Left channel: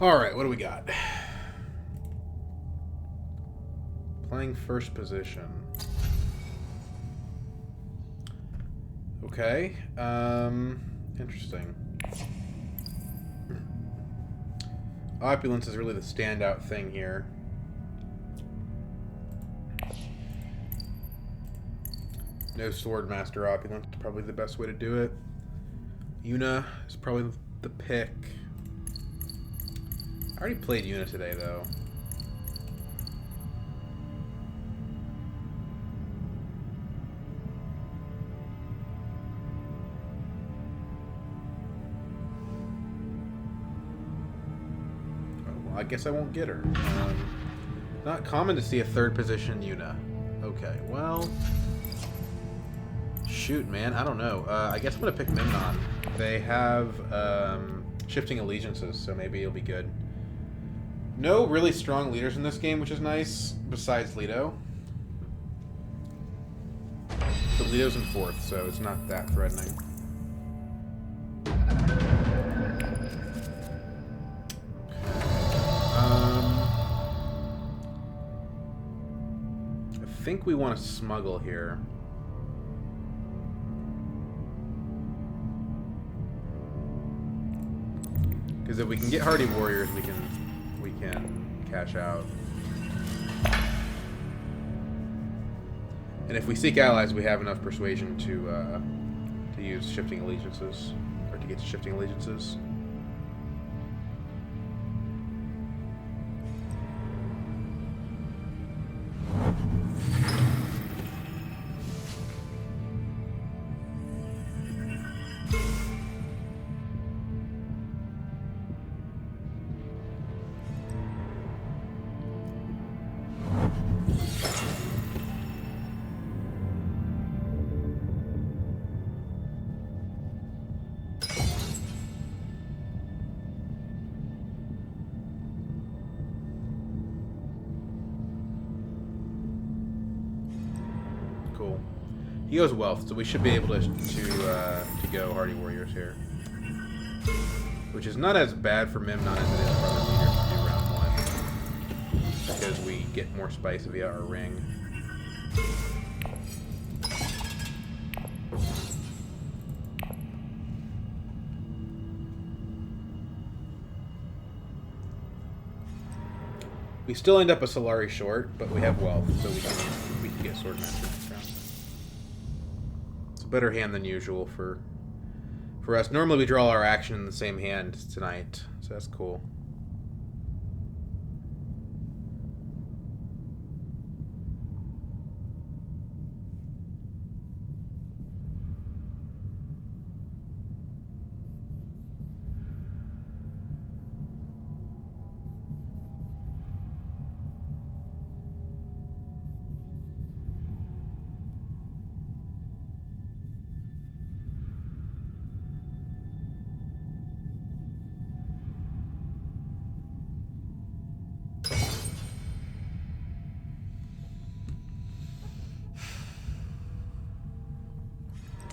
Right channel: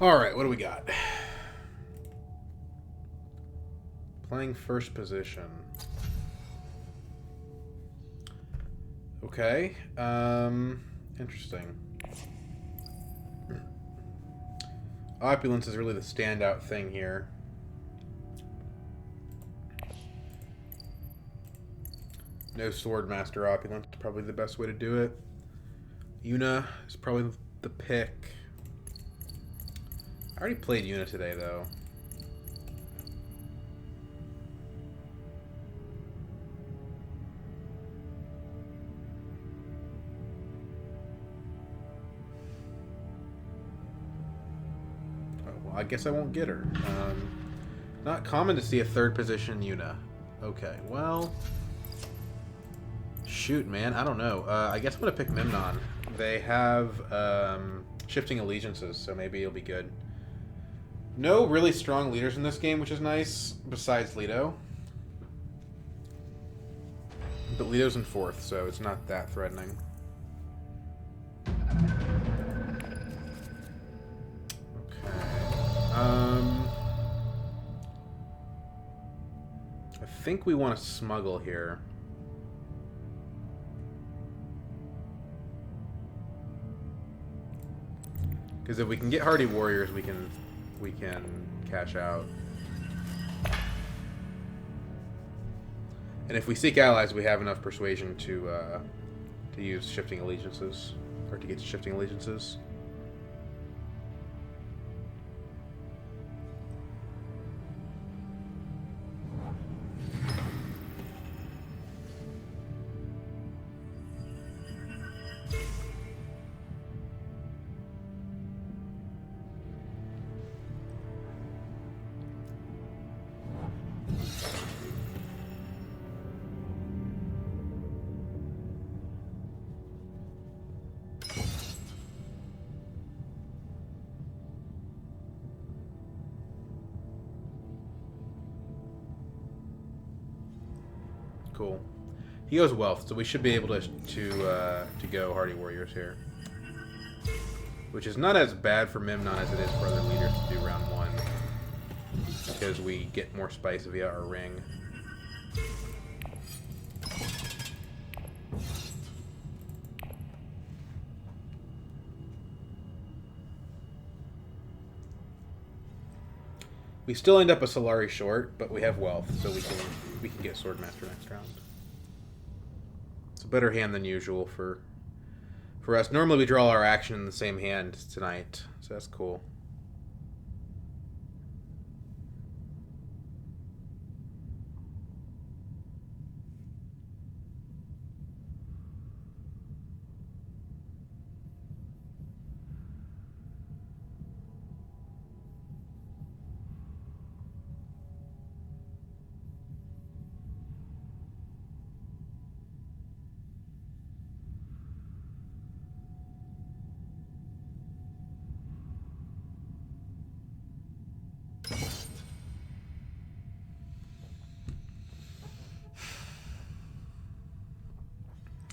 Alright, what do we got? Playing first position. Okay. Interesting. Opulence is really the standout thing here. No Swordmaster Opulence, probably the best way to do it. Yuna is probably the pick. I already played Yuna today, though. Oh, well, I guess I won't get her. Not common to see a third position Yuna. Okay, well... Shoot, man, I don't know. I guess I'm going to pick Memnon. They have shifting allegiances, so maybe it'll be good. No really strong leaders in this game, which is nice, besides Leto. But Leto's in 4th, so it's not that threatening. Okay. I think we want to smuggle here. Because if we can get hardy warriors, we can cash out. And if we seek allies, we have enough persuasion to use shifting allegiances, or to get to shifting allegiances. Cool. He goes wealth, so we should be able to go hardy warriors here, which is not as bad for Memnon as it is for other leaders to do round 1, because we get more spice via our ring. We still end up a Solari short, but we have wealth, so we can get Swordmaster next round. It's a better hand than usual for us. Normally we draw our action in the same hand tonight, so that's cool.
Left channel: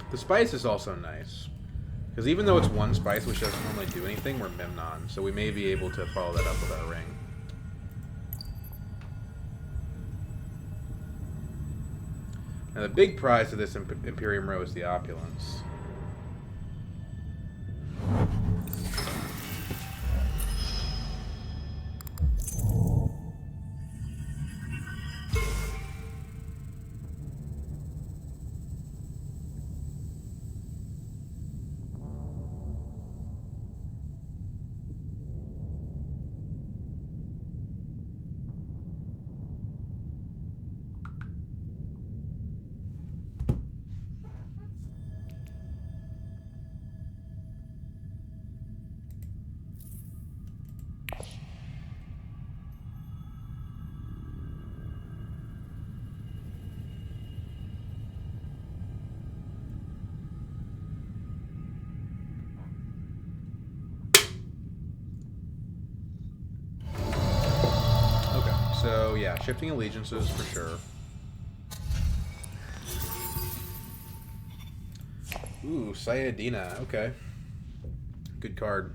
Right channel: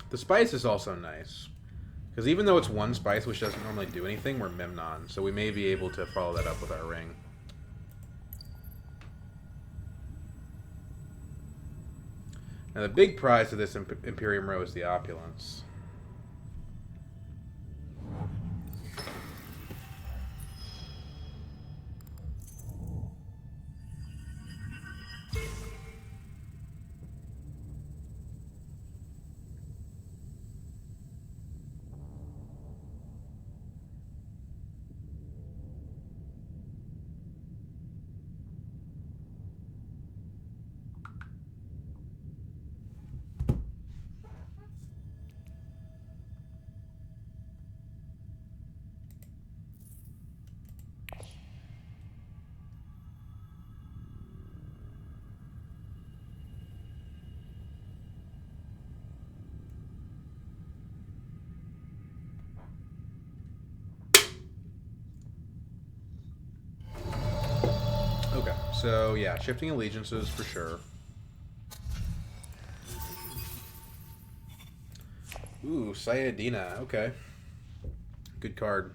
The spice is also nice, because even though it's 1 spice, which doesn't normally do anything, we're Memnon, so we may be able to follow that up with our ring. Now the big prize of this Imperium row is the opulence. Okay, so yeah, shifting allegiances for sure. Ooh, Sayadina, okay. Good card.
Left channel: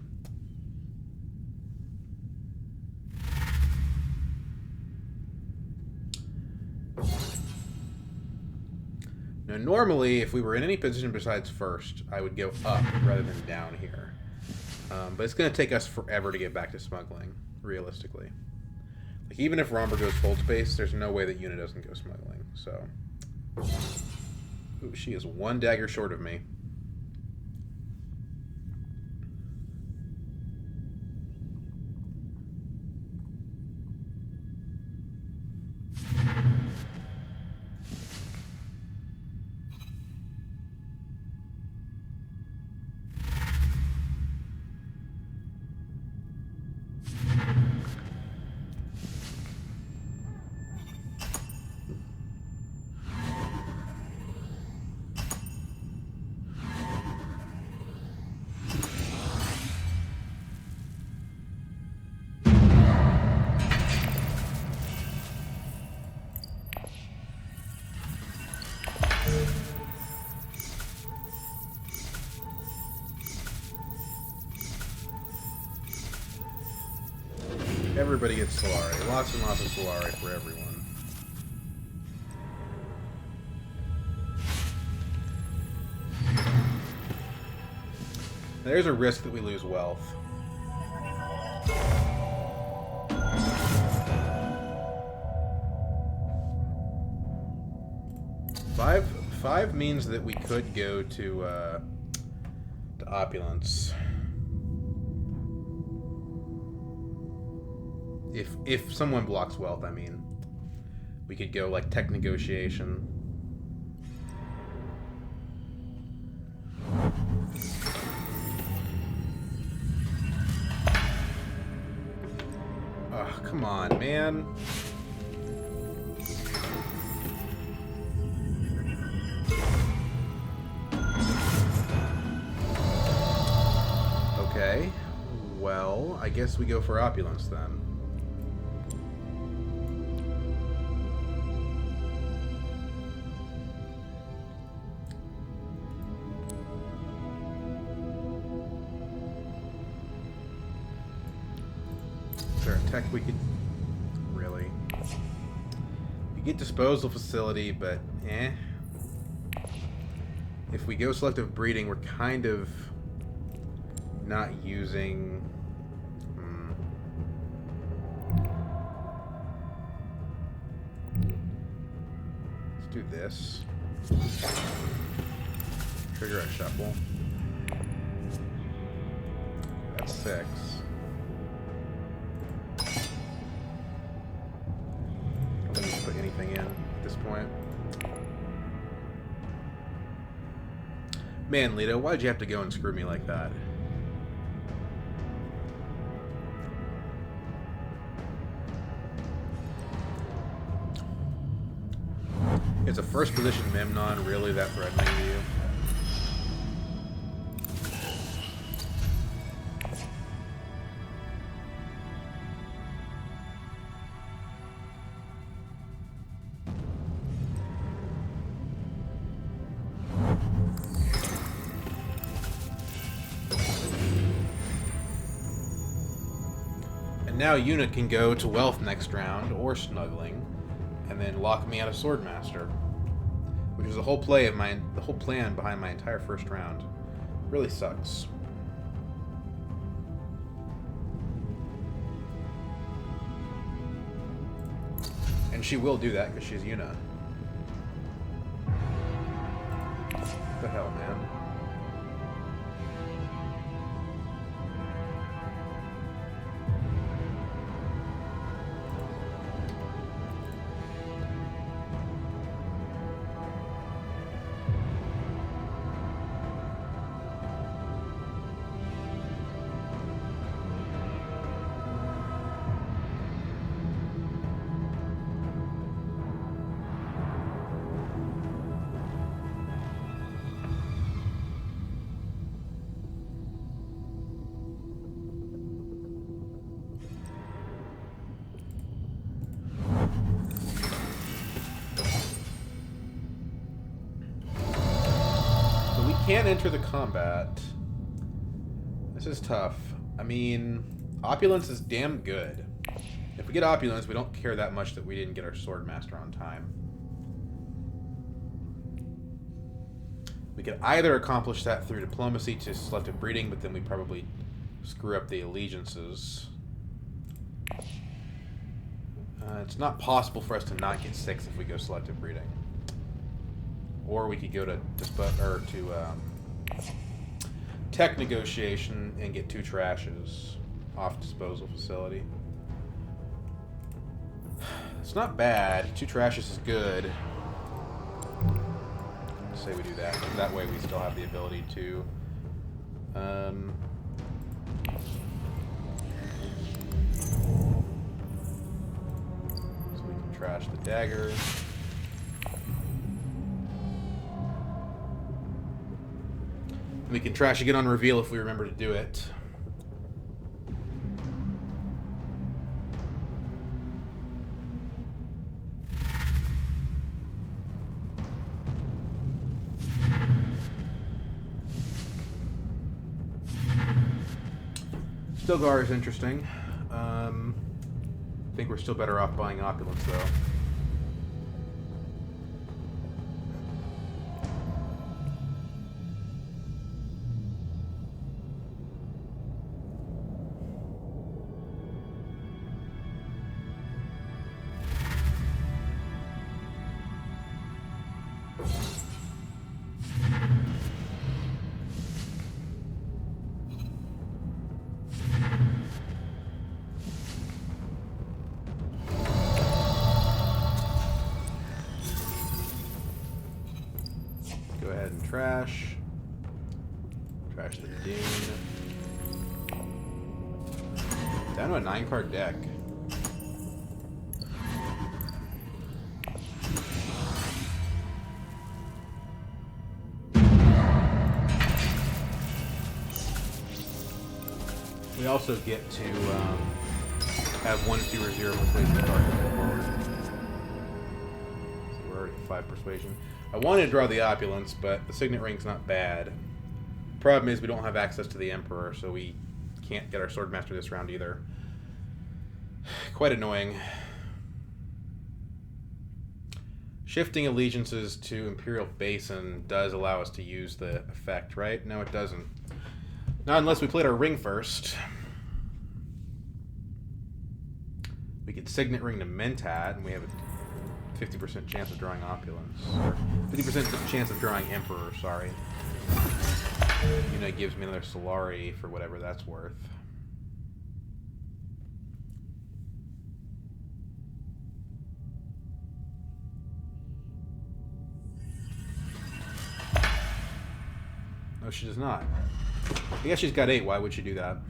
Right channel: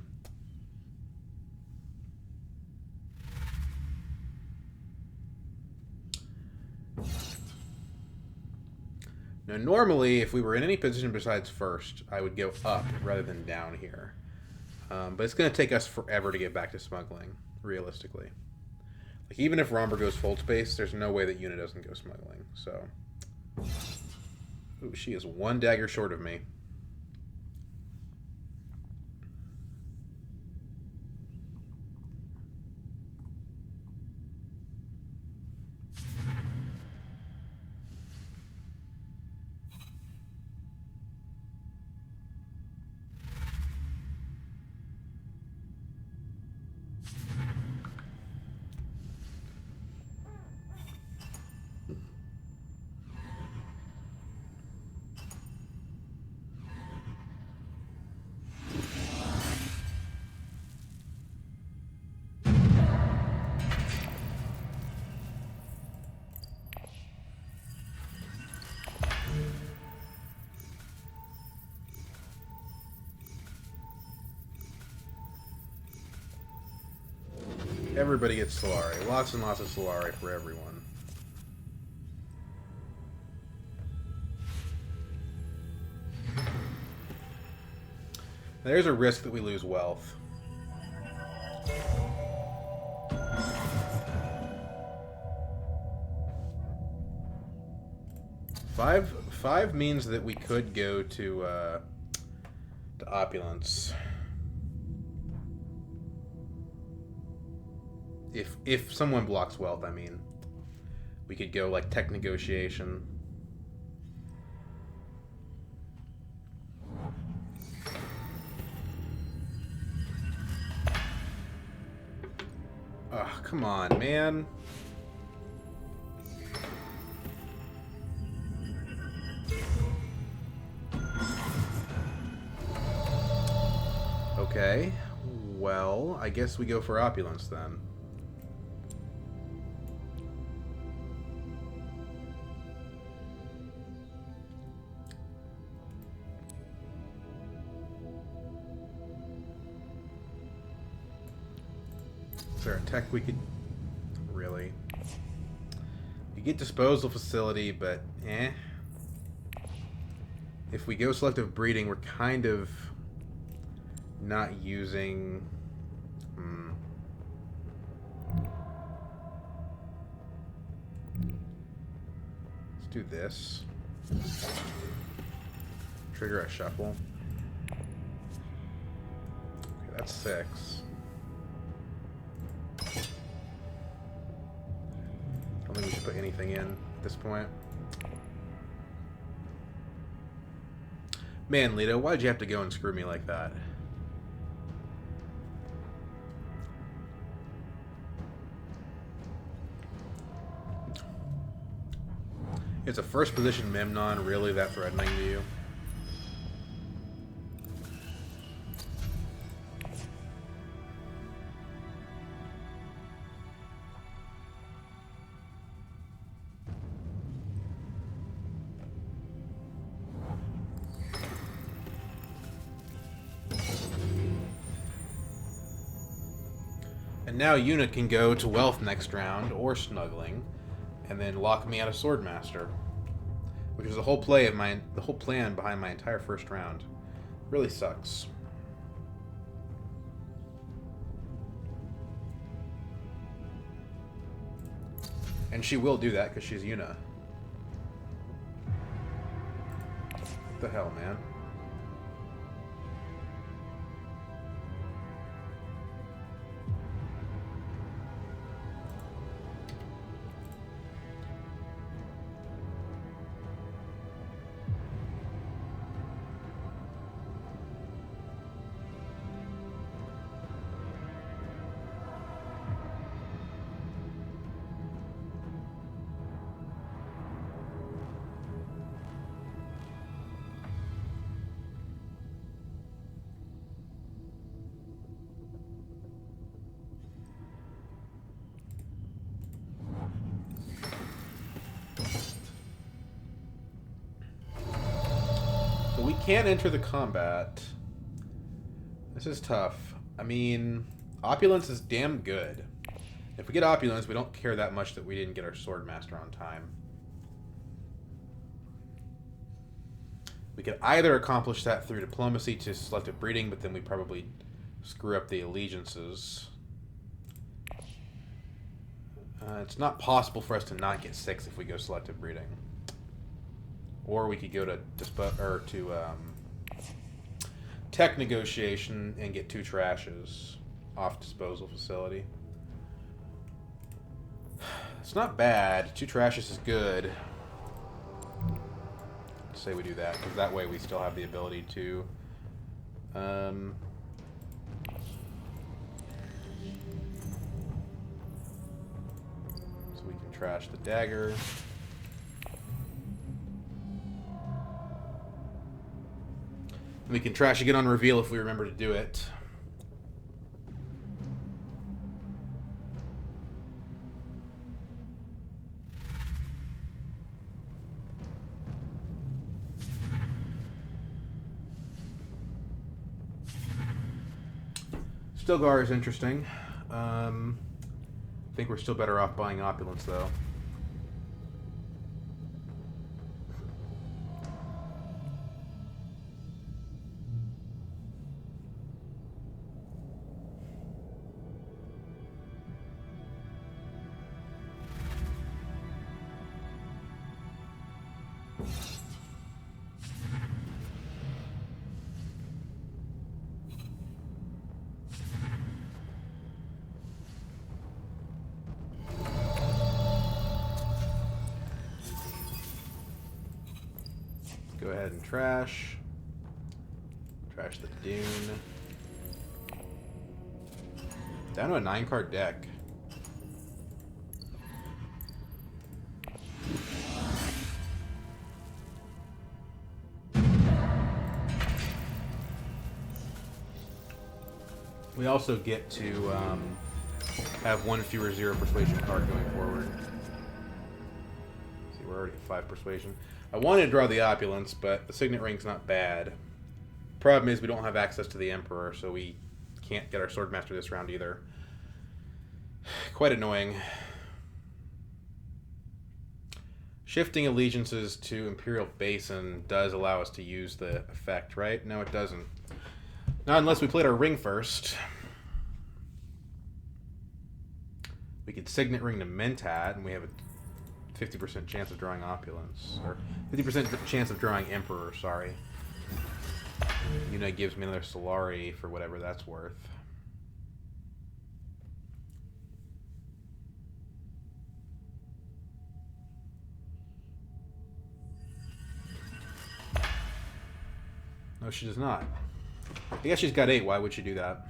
Now, normally, if we were in any position besides first, I would go up rather than down here. But it's going to take us forever to get back to smuggling, realistically. Like, even if Romber goes full space, there's no way that Una doesn't go smuggling. So, ooh, she is one dagger short of me. Everybody gets Solari. Lots and lots of Solari for everyone. There's a risk that we lose wealth. Five means that we could go to opulence. If someone blocks wealth, I mean, we could go like tech negotiation. Oh, come on, man. Okay. Well, I guess we go for opulence then. Is there a tech we could... Really? We get disposal facility, but eh. If we go selective breeding, we're kind of not using... Let's do this. Trigger a shuffle. Okay, that's 6. I don't think we should put anything in at this point. Man, Leto, why'd you have to go and screw me like that? Is a first position Memnon really that threatening to you? And now Una can go to wealth next round, or snuggling, and then lock me out of Swordmaster, which was the whole plan behind my entire first round. Really sucks. And she will do that because she's Una. What the hell, man? So we can't enter the combat. This is tough. I mean, opulence is damn good. If we get opulence, we don't care that much that we didn't get our Swordmaster on time. We could either accomplish that through diplomacy to selective breeding, but then we probably screw up the allegiances. It's not possible for us to not get 6 if we go selective breeding. Or we could go to tech negotiation and get 2 trashes off disposal facility. It's not bad. 2 trashes is good. Say we do that. That way we still have the ability to so we can trash the dagger. We can trash again on reveal if we remember to do it. Stilgar is interesting. I think we're still better off buying Opulence, though. Go ahead and trash. Trash the Dune. Down to a 9-card deck. We also get to have 1 fewer 0 persuasion card going forward. See, we're already at 5 persuasion. I wanted to draw the Opulence, but the Signet Ring's not bad. Problem is we don't have access to the Emperor, so we can't get our Swordmaster this round either. Quite annoying. Shifting allegiances to Imperial Basin does allow us to use the effect, right? No, it doesn't. Not unless we played our ring first. We could Signet Ring to Mentat, and we have a 50% chance of drawing Opulence. Or 50% chance of drawing Emperor, sorry. It gives me another Solari for whatever that's worth. No, she does not. I guess she's got 8. Why would she do that?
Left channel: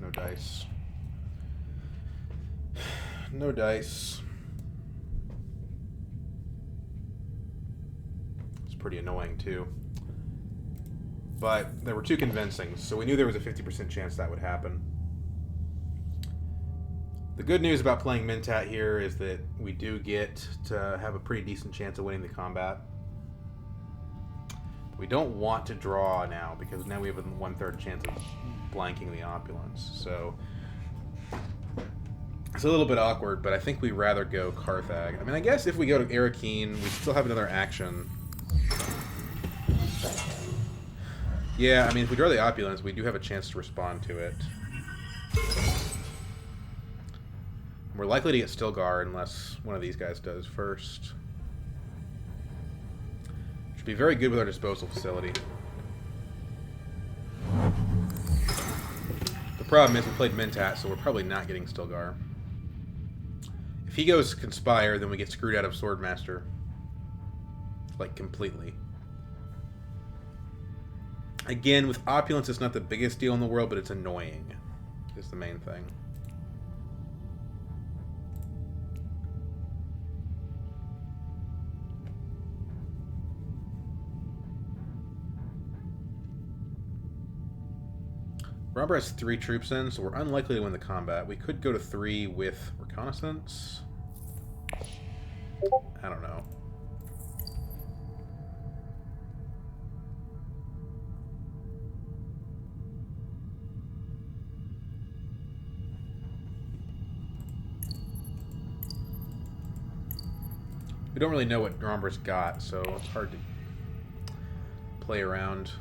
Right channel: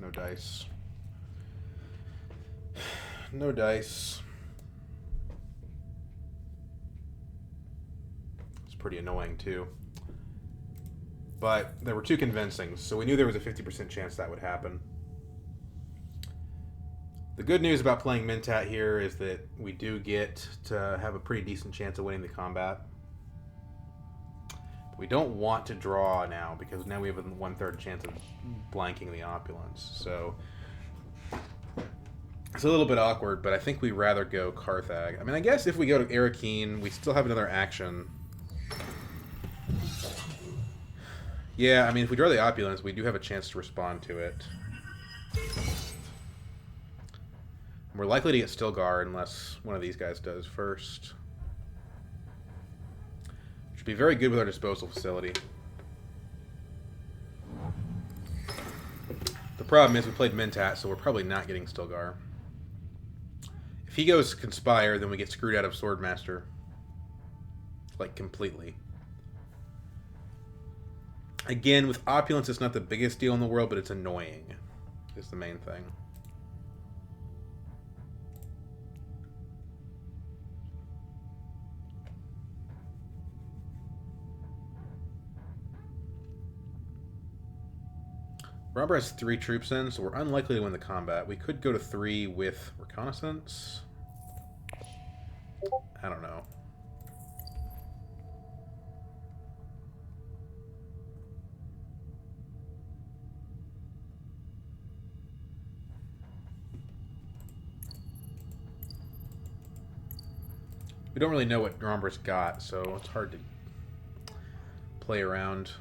No dice. No dice. It's pretty annoying, too. But there were 2 convincing, so we knew there was a 50% chance that would happen. The good news about playing Mentat here is that we do get to have a pretty decent chance of winning the combat. We don't want to draw now, because now we have a 1/3 chance of blanking the Opulence. So it's a little bit awkward, but I think we'd rather go Carthag. I mean, I guess if we go to Arakeen, we still have another action. Yeah, I mean, if we draw the Opulence, we do have a chance to respond to it. We're likely to get Stilgar unless one of these guys does first. Should be very good with our disposal facility. The problem is we played Mentat, so we're probably not getting Stilgar. If he goes Conspire, then we get screwed out of Swordmaster. Like, completely. Again, with Opulence, it's not the biggest deal in the world, but it's annoying. Is the main thing. Robber has 3 troops in, so we're unlikely to win the combat. We could go to 3 with reconnaissance. I don't know. We don't really know what Romber's got, so it's hard to play around.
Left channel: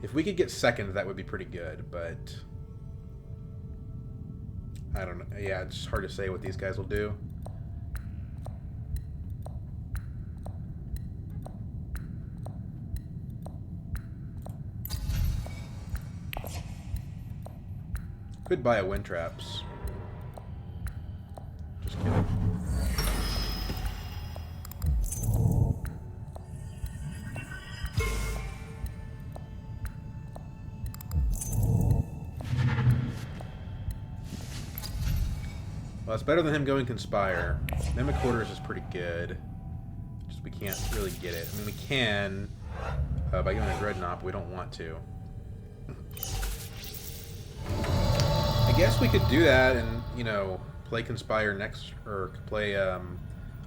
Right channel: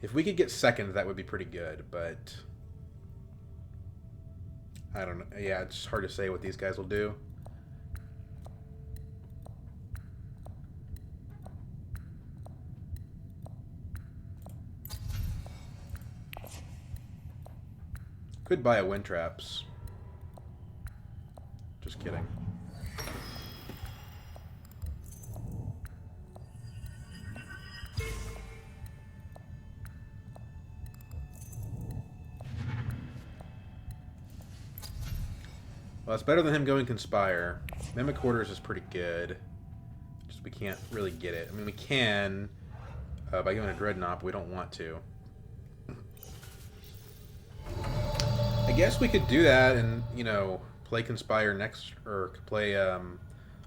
If we could get second, that would be pretty good, but I don't know. Yeah, it's hard to say what these guys will do. Could buy a wind traps. Just kidding. Well, it's better than him going Conspire. Mimic Quarters is pretty good. Just we can't really get it. I mean, we can by going to Dreadnought, but we don't want to. I guess we could do that and, you know, play Conspire next, or play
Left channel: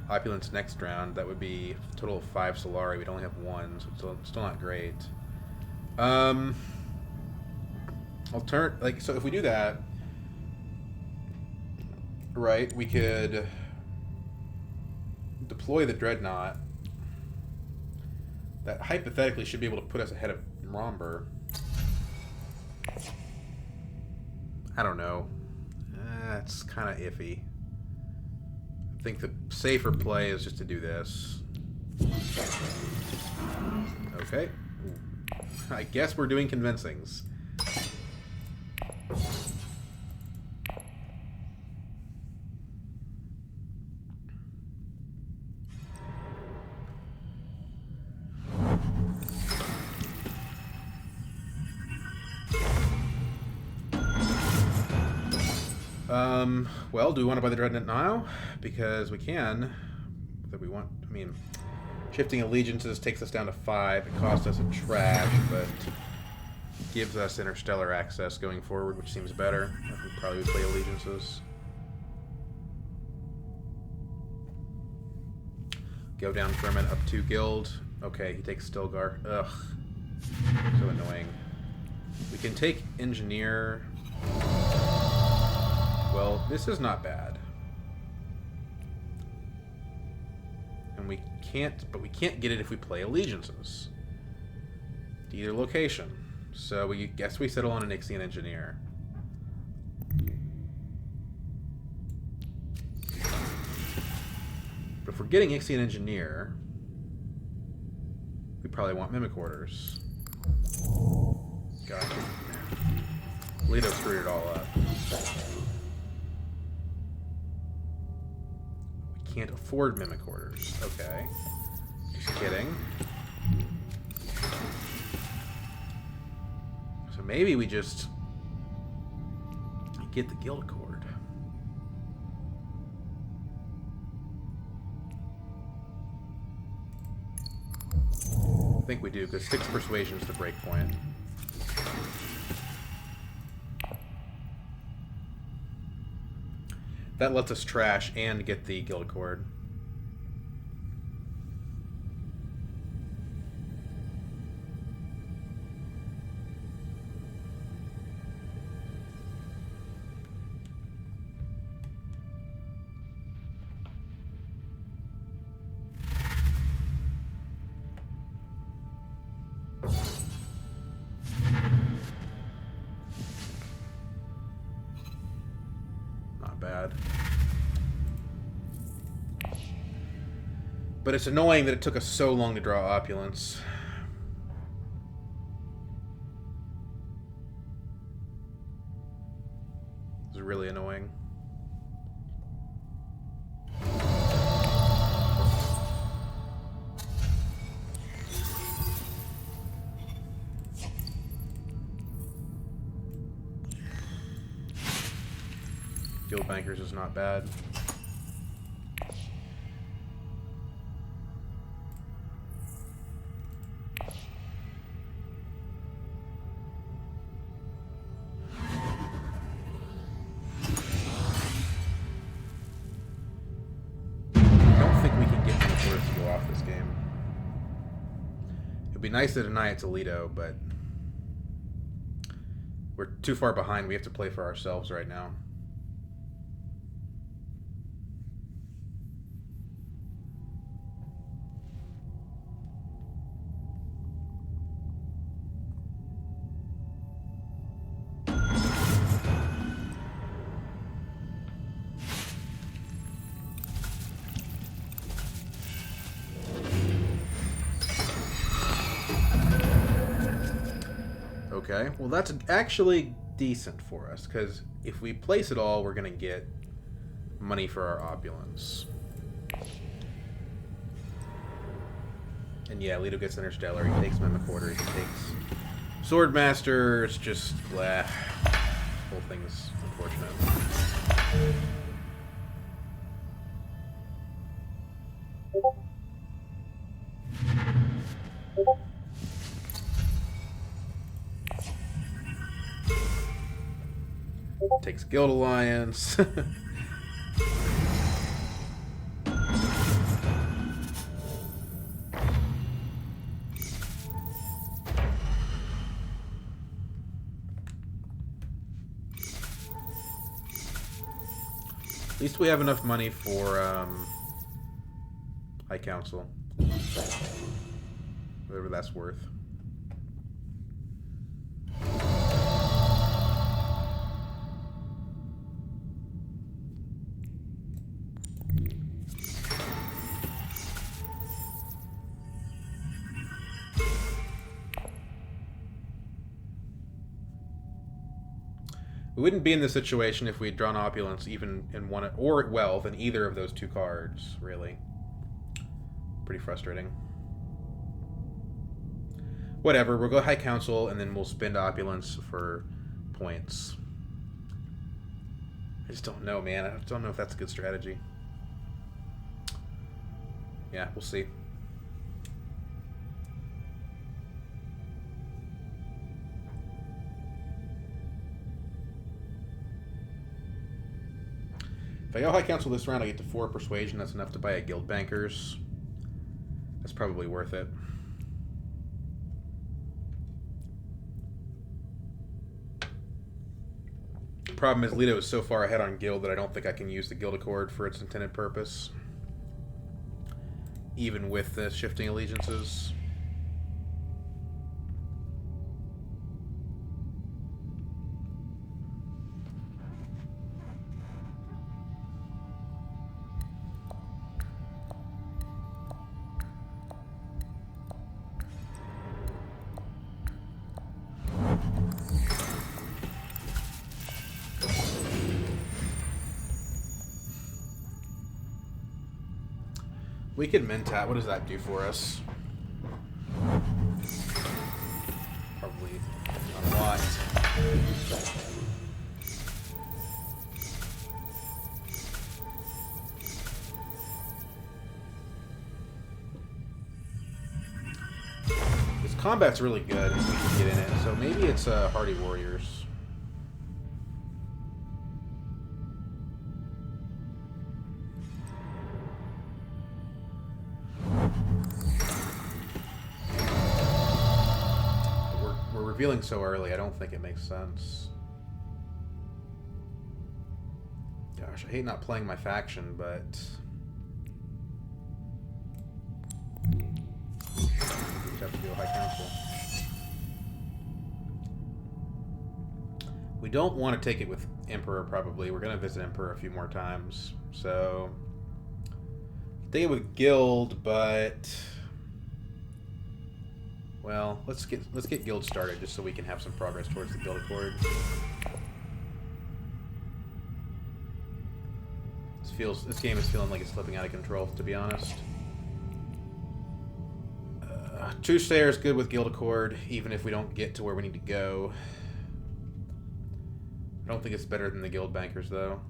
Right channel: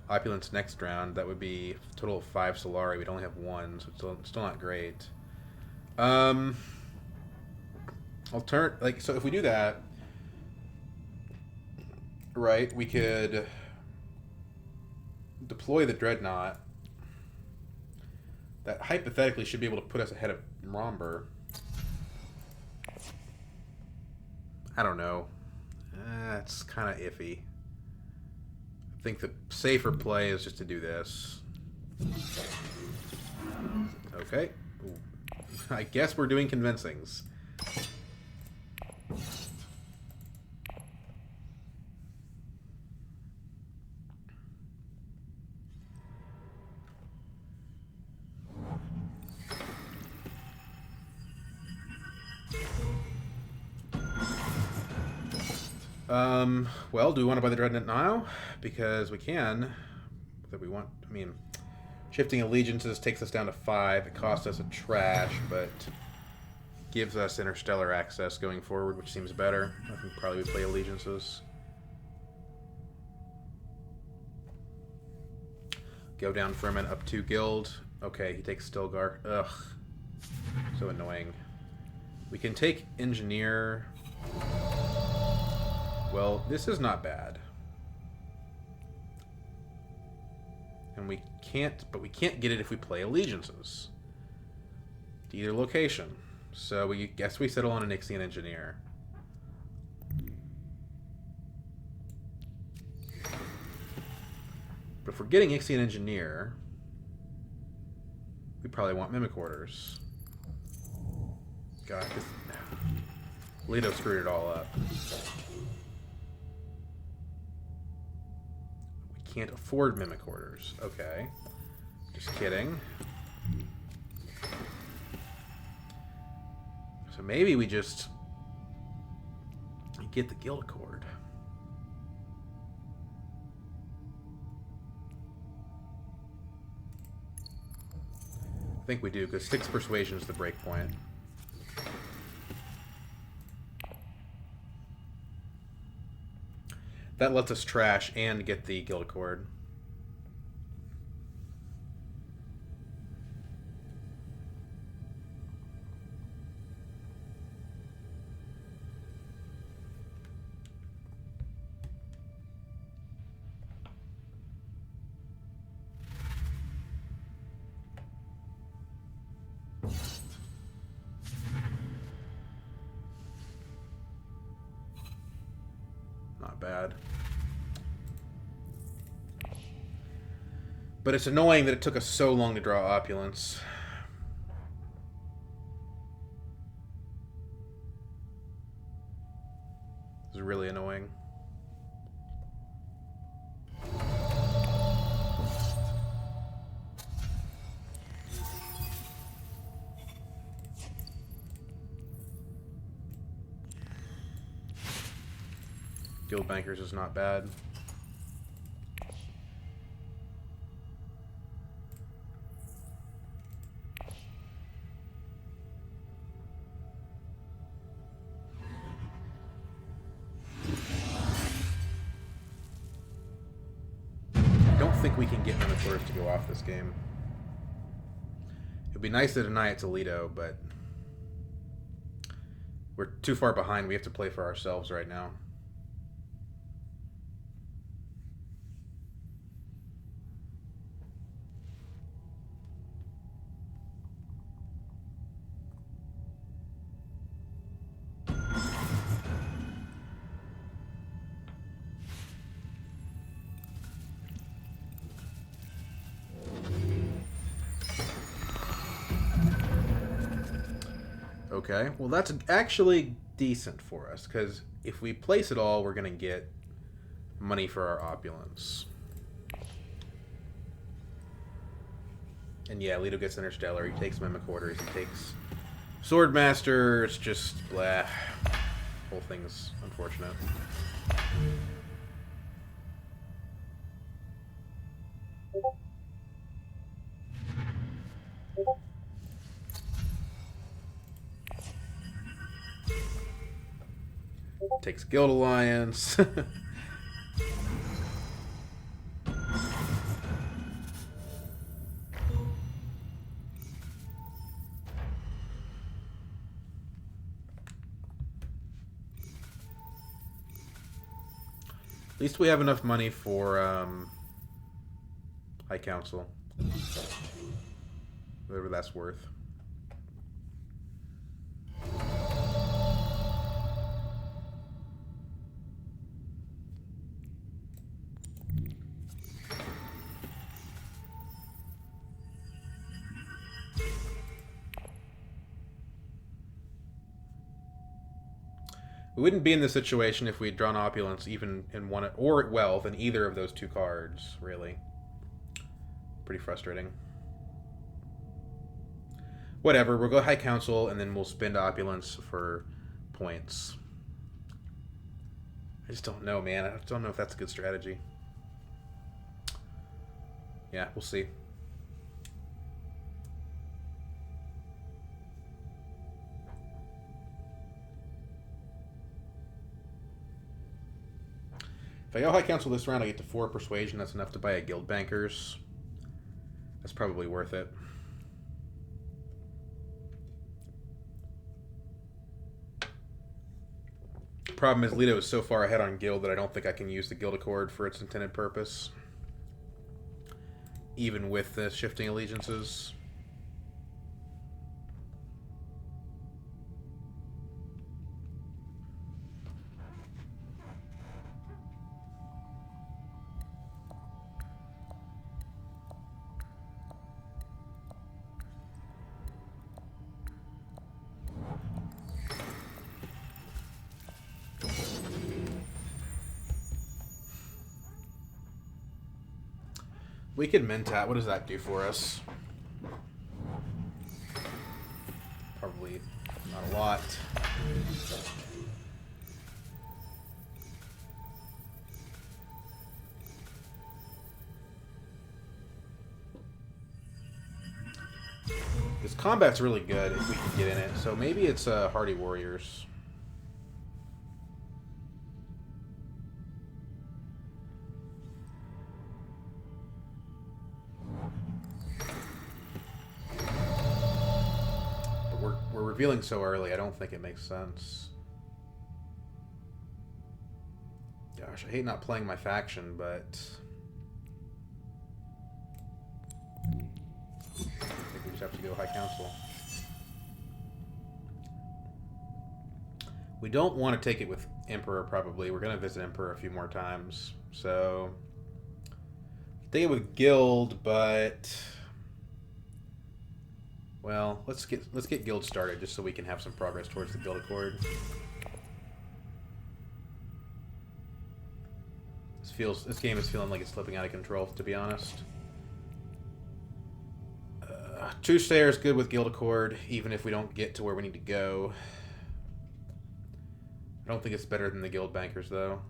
Opulence next round. That would be a total of 5 Solari. We'd only have 1, so it's still not great. So if we do that, right, we could deploy the Dreadnought. That hypothetically should be able to put us ahead of Romber. I don't know. It's kind of iffy. I think the safer play is just to do this. Okay. Ooh. I guess we're doing convincings. Well, do we want to buy the Dreadnought now? Because we can. That we want. I mean, shifting allegiances takes us down to 5. It costs us a trash, but gives us interstellar access going forward, which seems better. I think probably we play allegiances. Go down Furman up 2 guild. Okay, he takes Stilgar. Ugh. So annoying. We can take Engineer. Well, this is not bad. And we can't get it if we play allegiances to either location. So we guess we settle on an Ixian Engineer. But if we're getting Ixian Engineer, we probably want Mimic Orders. God, Leto screwed it all up. Can't afford Mimic Orders. Okay. Just kidding. So maybe we just get the Guild Accord. I think we do, because 6 Persuasion is the break point. That lets us trash and get the Guild Accord. Not bad. But it's annoying that it took us so long to draw Opulence. It's really annoying. Guild Bankers is not bad. think we can get Minotaurs to go off this game. It'd be nice to deny it to Leto, but we're too far behind. We have to play for ourselves right now. Okay, well that's actually decent for us, because if we place it all, we're going to get money for our opulence. And yeah, Leto gets Interstellar, he takes Mimic-Quarters, he takes Swordmaster, it's just blah. Whole thing's unfortunate. Takes Guild Alliance. At least we have enough money for High Council. Whatever that's worth. We wouldn't be in this situation if we'd drawn Opulence even in one, or Wealth in either of those two cards, really. Pretty frustrating. Whatever, we'll go High Council and then we'll spend Opulence for points. I just don't know, man. I don't know if that's a good strategy. Yeah, we'll see. If I go High Council this round, I get to 4 Persuasion. That's enough to buy a Guild Bankers. That's probably worth it. Problem is, Leto is so far ahead on Guild that I don't think I can use the Guild Accord for its intended purpose. Even with the shifting allegiances. We could Mentat. What does that do for us? Probably not a lot. This combat's really good if we can get in it. So maybe it's Hardy Warriors. We're revealing so early, I don't think it makes sense. Gosh, I hate not playing my faction, but I think we just have to go High Council. We don't want to take it with Emperor, probably. We're going to visit Emperor a few more times. So, take it with Guild, but well, let's get Guild started just so we can have some progress towards the Guild Accord. This game is feeling like it's slipping out of control, to be honest. Two Stayers good with Guild Accord, even if we don't get to where we need to go. I don't think it's better than the Guild Bankers, though.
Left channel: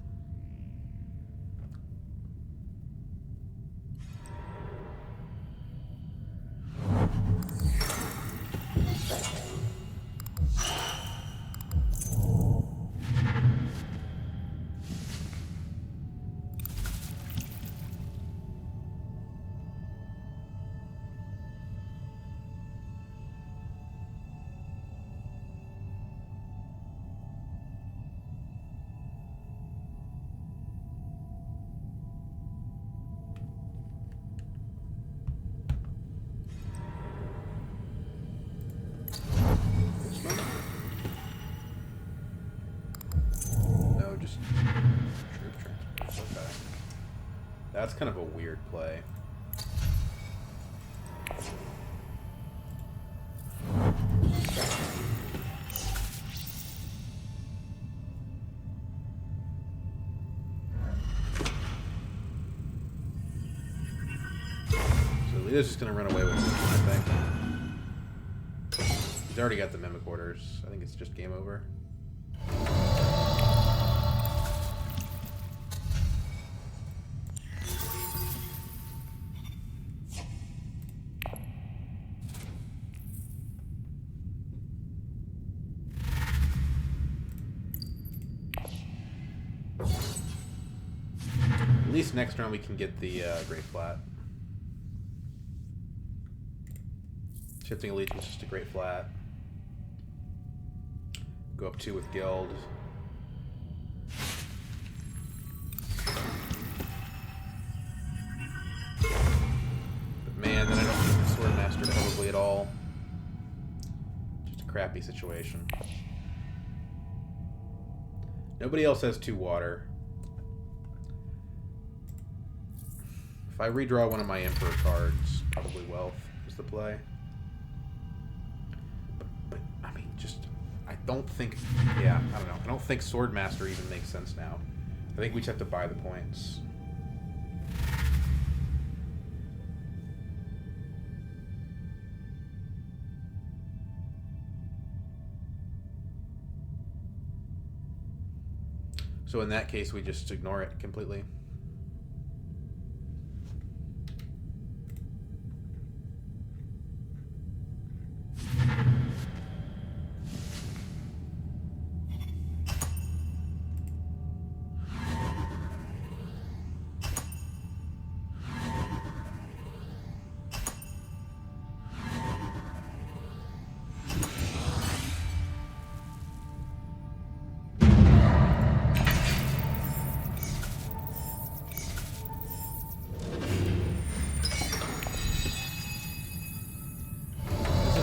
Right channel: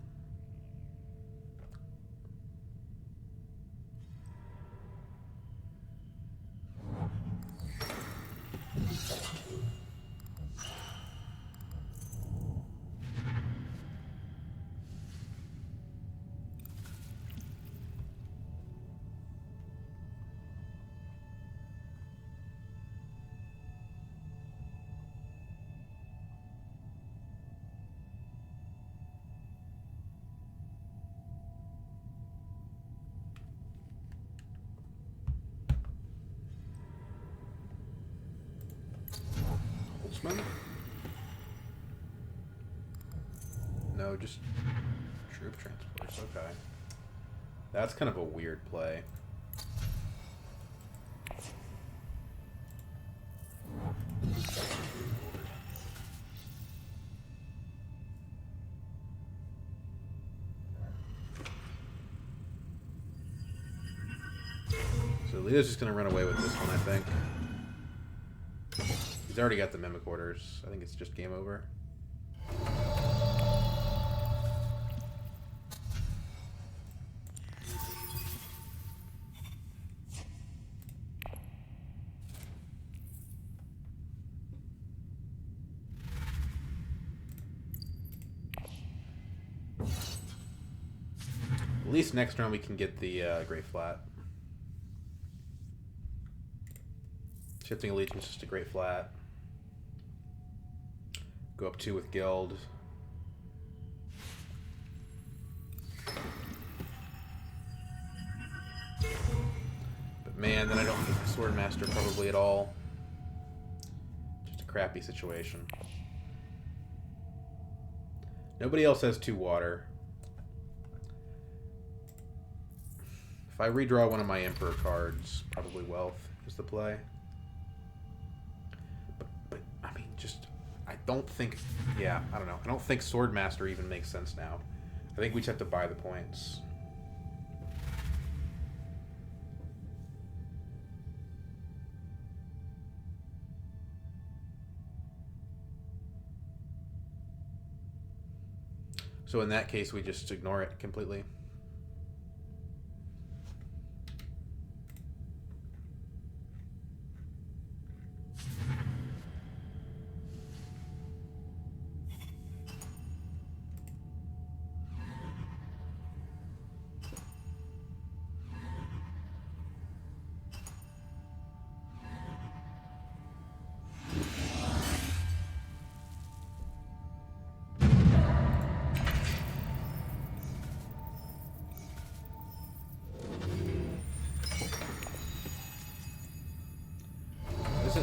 just troop transports. Okay. That's kind of a weird play. So Leto's just going to run away with this one, I think. He's already got the mimic orders. I think it's just game over. At least next round we can get the Great Flat. Shifting Allegiance just a Great Flat. Go up 2 with Guild. But man, then I don't get the Swordmaster probably at all. Just a crappy situation. Nobody else has 2 water. If I redraw one of my Emperor cards, probably Wealth is the play. But I mean, just, I don't think, yeah, I don't know. I don't think Swordmaster even makes sense now. I think we just have to buy the points. So in that case, we just ignore it completely.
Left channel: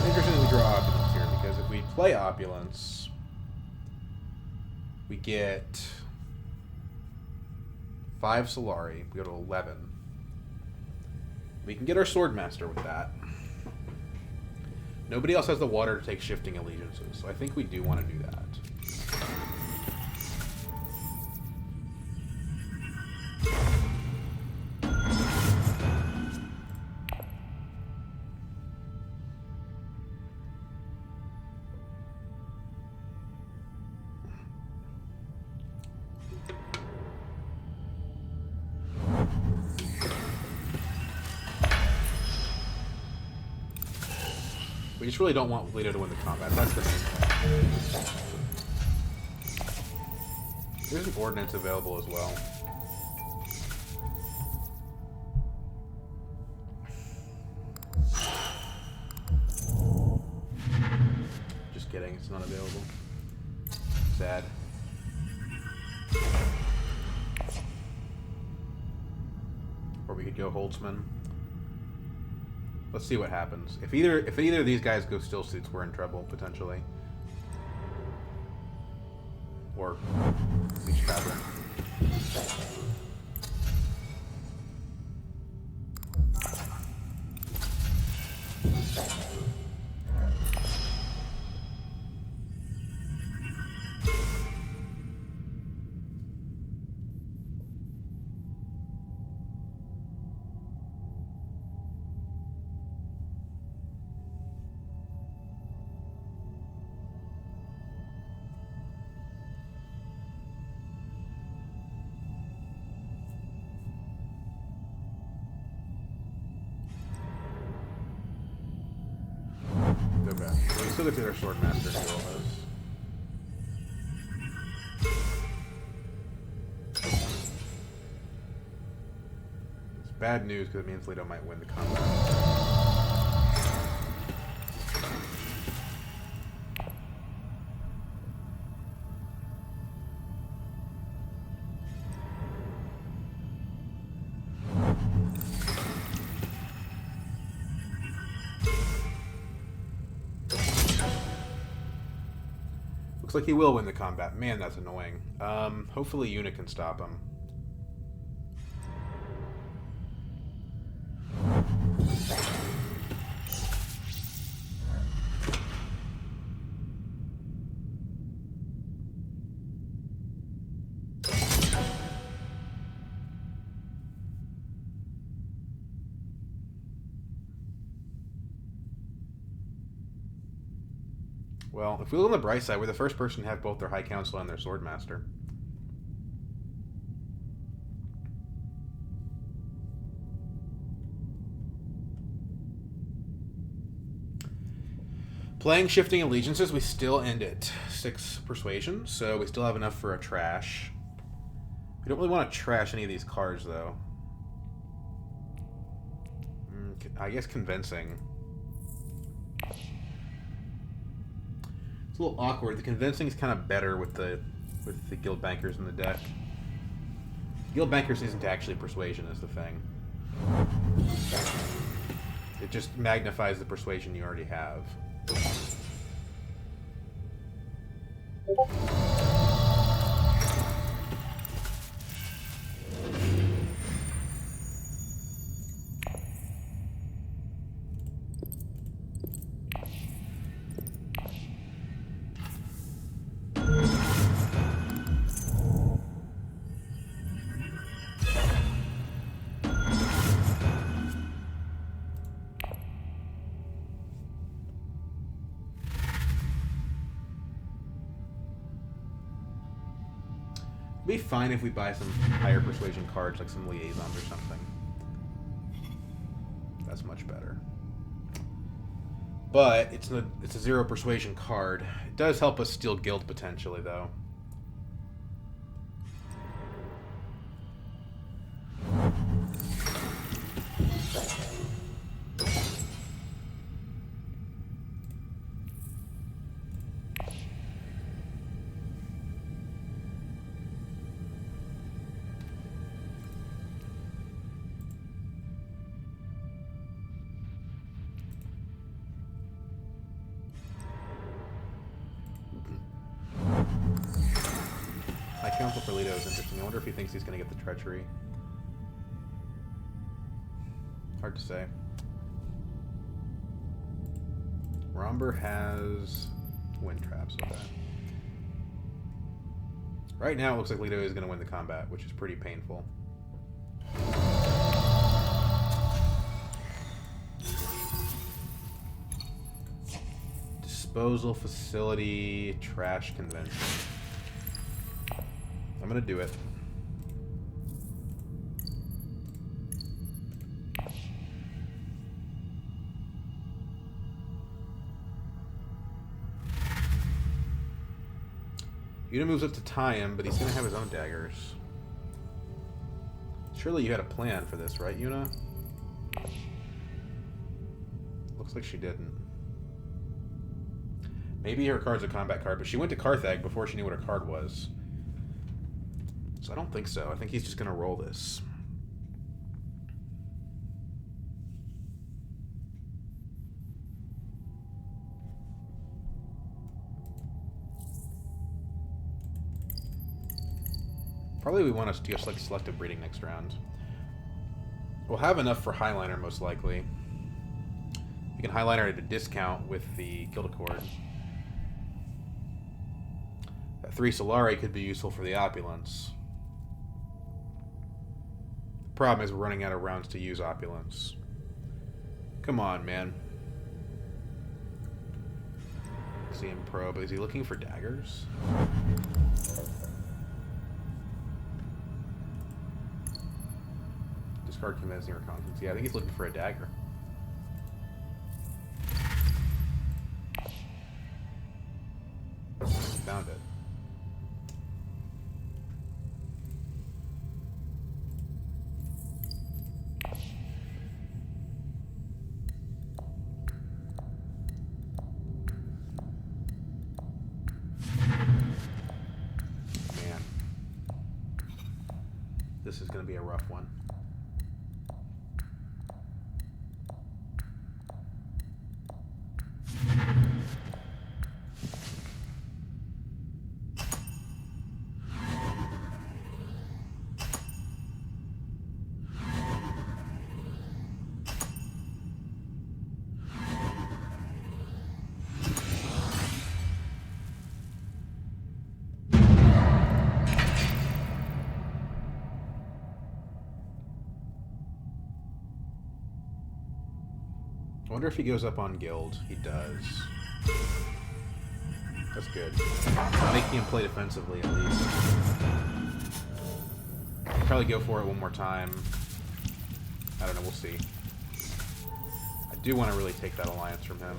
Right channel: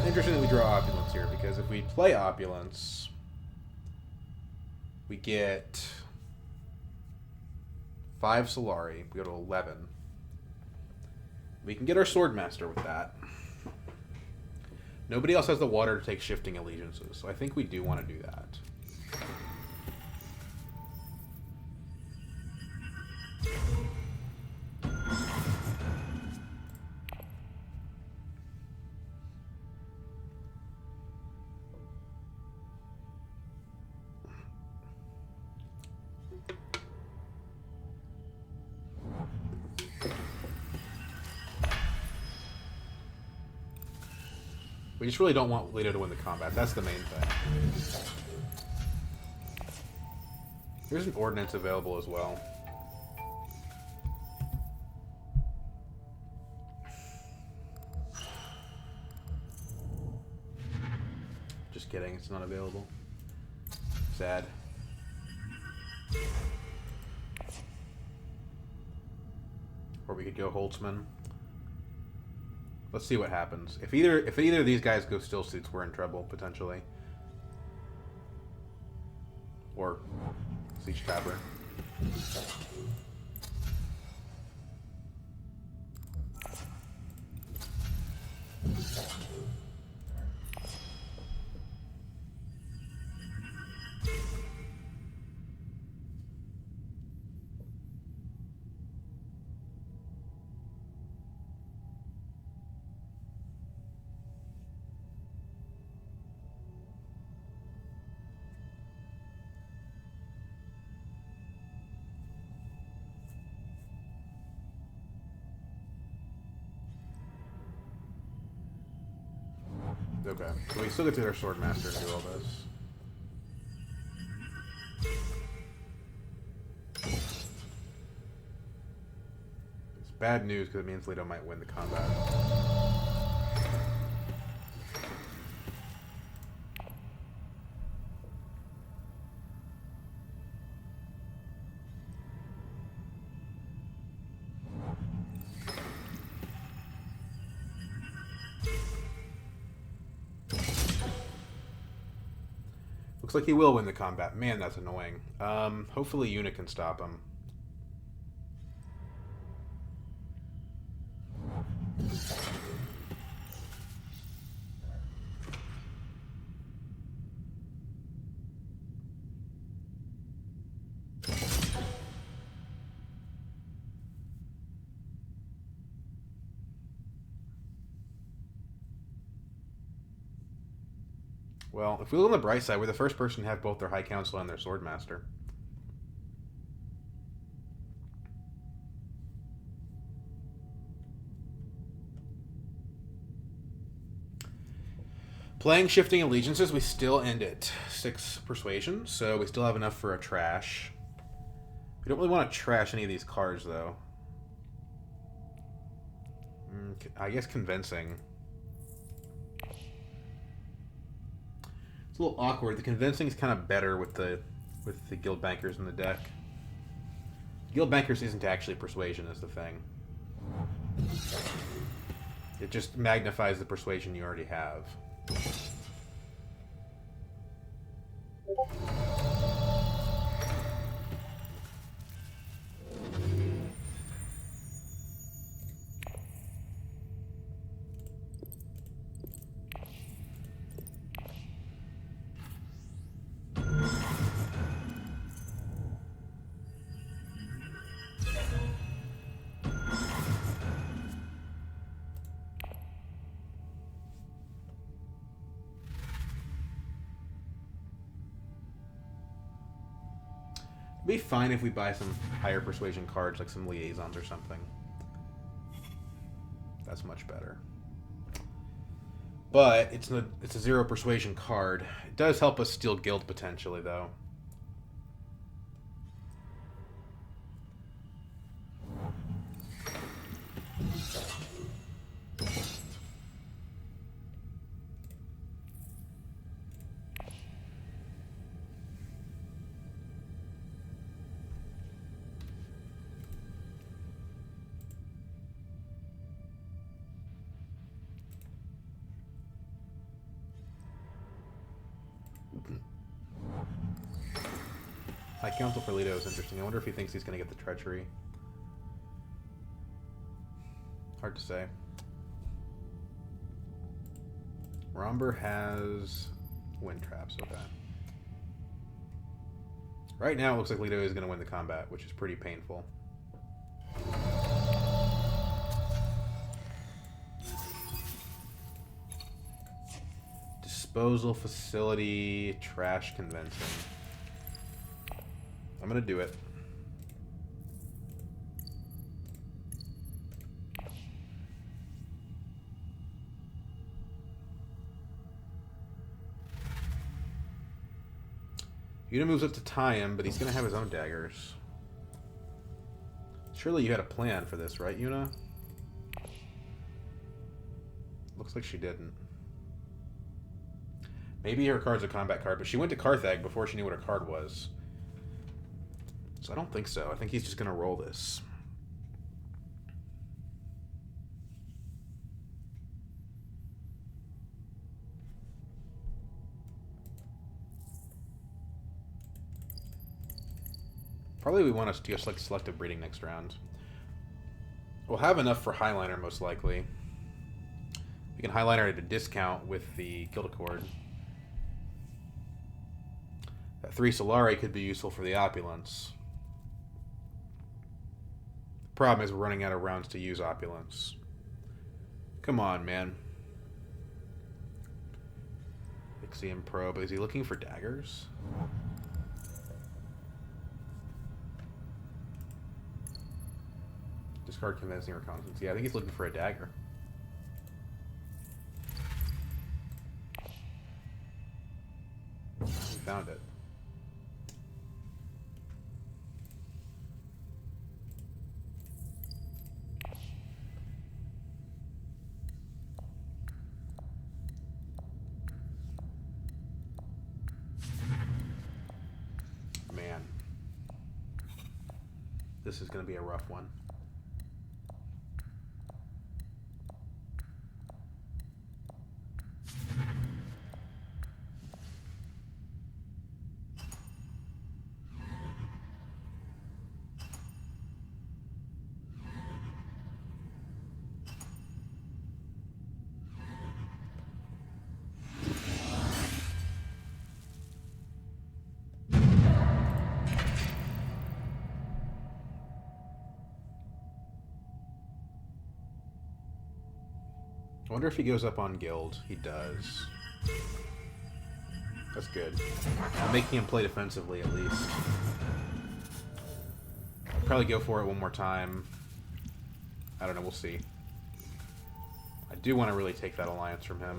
Interesting that we draw Opulence here, because if we play Opulence, we get 5 Solari, we go to 11. We can get our Swordmaster with that. Nobody else has the water to take Shifting Allegiances, so I think we do want to do that. We just really don't want Leto to win the combat. That's the main thing. There's an ordnance available as well. Just kidding, it's not available. Sad. Or we could go Holtzman. Let's see what happens. If either of these guys go Still Suits, we're in trouble, potentially. Or Siege Tavern. Okay, so we still get to our Swordmaster and do all this. It's bad news because it means Leto might win the combat. Looks like he will win the combat. Man, that's annoying. Hopefully Yuna can stop him. Well, if we look on the bright side, we're the first person to have both their High Council and their Swordmaster. Playing Shifting Allegiances, we still end at 6 Persuasion, so we still have enough for a trash. We don't really want to trash any of these cards, though. I guess Convincing. It's a little awkward. The Convincing is kind of better with the Guild Bankers in the deck. Guild Bankers isn't actually Persuasion is the thing. It just magnifies the Persuasion you already have. It'd be fine if we buy some higher persuasion cards, like some liaisons or something. That's much better. But it's a 0 persuasion card. It does help us steal guild potentially, though. My counsel for Leto is interesting. I wonder if he thinks he's going to get the treachery. Hard to say. Romber has wind traps. Okay. Right now, it looks like Leto is going to win the combat, which is pretty painful. Disposal facility, trash convention. I'm gonna do it. Yuna moves up to tie him, but he's gonna have his own daggers. Surely you had a plan for this, right, Yuna? Looks like she didn't. Maybe her card's a combat card, but she went to Carthag before she knew what her card was. So I don't think so. I think he's just going to roll this. Probably we want to just like selective breeding next round. We'll have enough for Highliner most likely. We can Highliner at a discount with the Guild Accord. That 3 Solari could be useful for the Opulence. Problem is we're running out of rounds to use Opulence. Come on, man. Ixiom Probe. Is he looking for daggers? Discard Convincing Reconnaissance. Yeah, I think he's looking for a dagger. He found it. This is going to be a rough one. I wonder if he goes up on guild. He does. That's good. I'm making him play defensively at least. Probably go for it one more time. I don't know, we'll see. I do want to really take that alliance from him.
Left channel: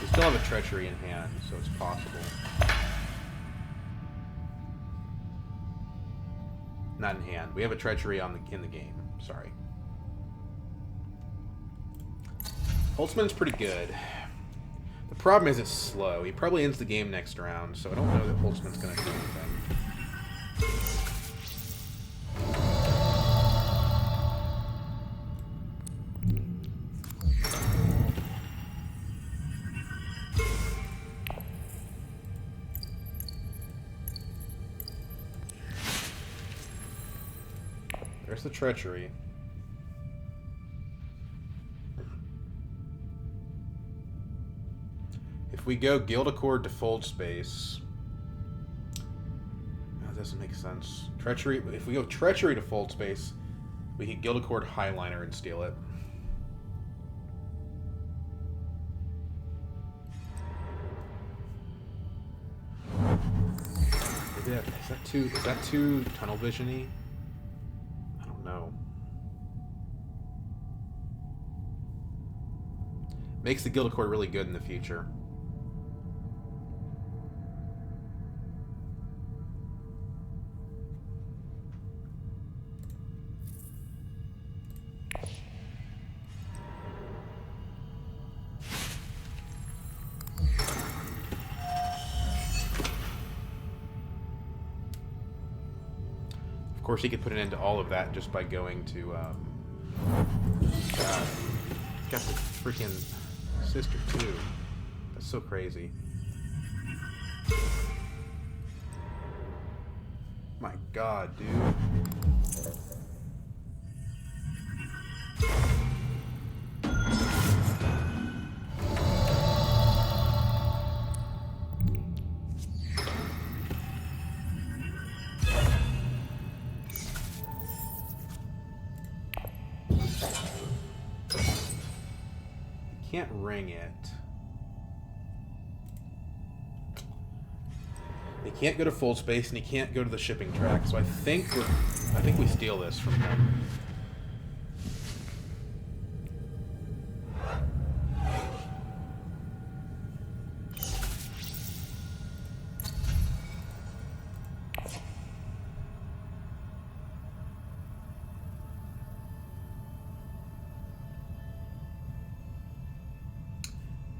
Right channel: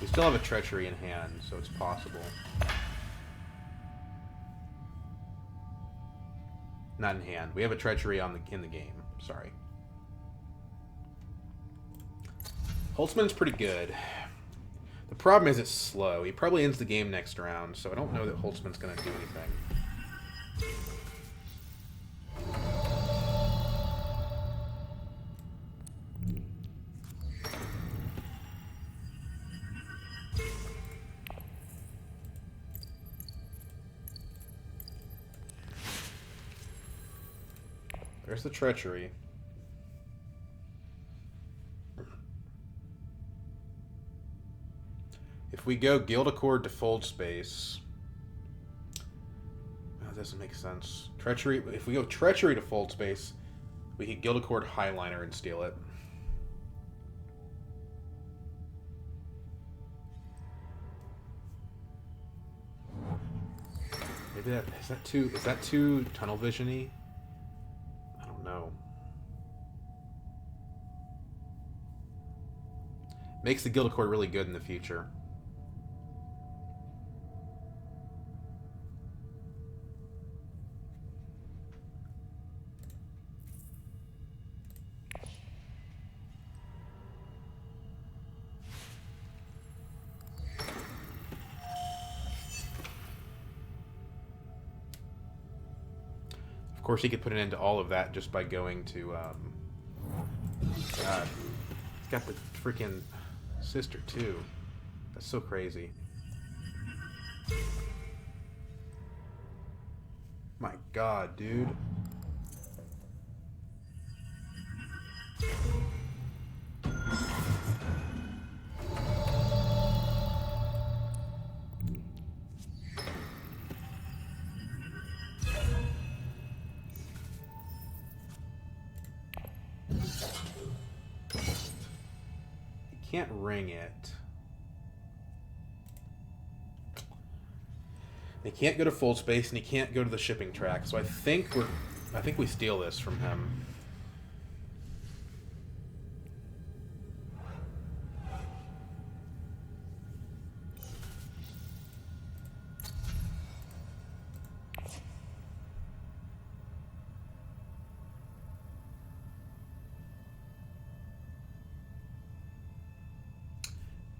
We still have a treachery in hand, so it's possible. Not in hand. We have a treachery in the game. Sorry. Holtzman's pretty good. The problem is it's slow. He probably ends the game next round, so I don't know that Holtzman's going to do anything. There's the treachery. If we go Guild Accord to Fold Space... That doesn't make sense. Treachery... If we go Treachery to Fold Space, we can Guild Accord Highliner and steal it. Maybe that... Is that too tunnel vision-y? I don't know. Makes the Guild Accord really good in the future. Of course, he could put an end to all of that just by going to, God. He's got the freaking sister, too. That's so crazy. My God, dude. Can't ring it. He can't go to full space, and he can't go to the shipping track. So I think we steal this from him.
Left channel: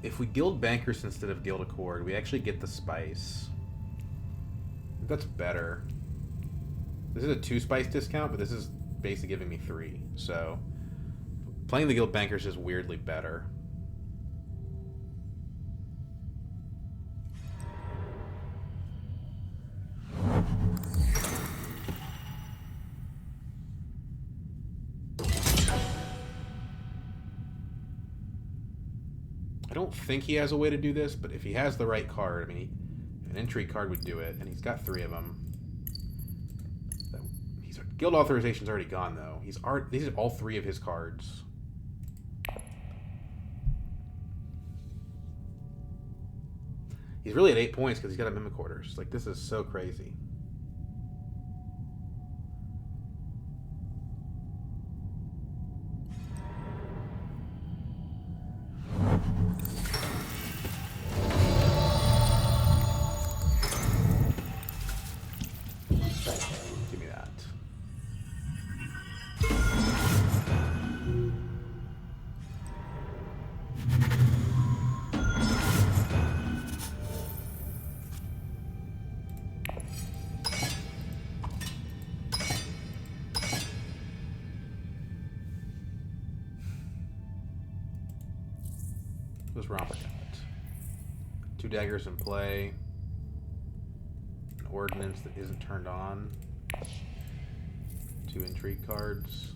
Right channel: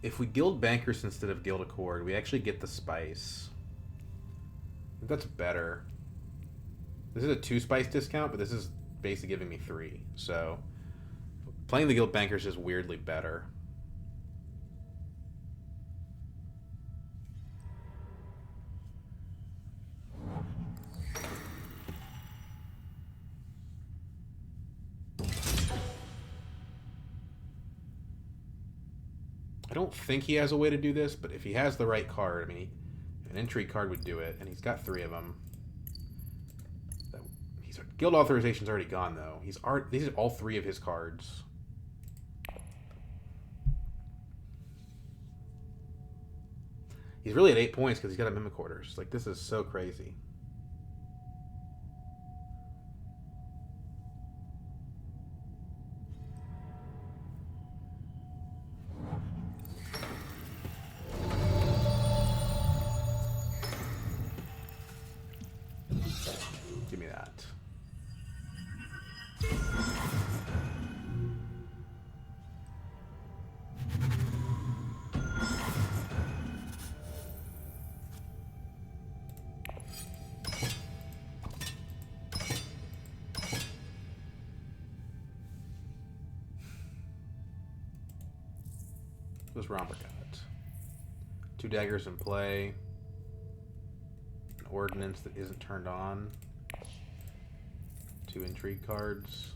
If we guild Bankers instead of Guild Accord, we actually get the spice. I think that's better. This is a 2 spice discount, but this is basically giving me 3. So playing the Guild Bankers is weirdly better. I don't think he has a way to do this, but if he has the right card, I mean, an intrigue card would do it, and he's got 3 of them. Guild authorization's already gone, though. These are all 3 of his cards. He's really at 8 points because he's got a Mimic Orders. Like, this is so crazy. Give me that. What's Romper got? 2 daggers in play. An ordnance that isn't turned on. 2 intrigue cards.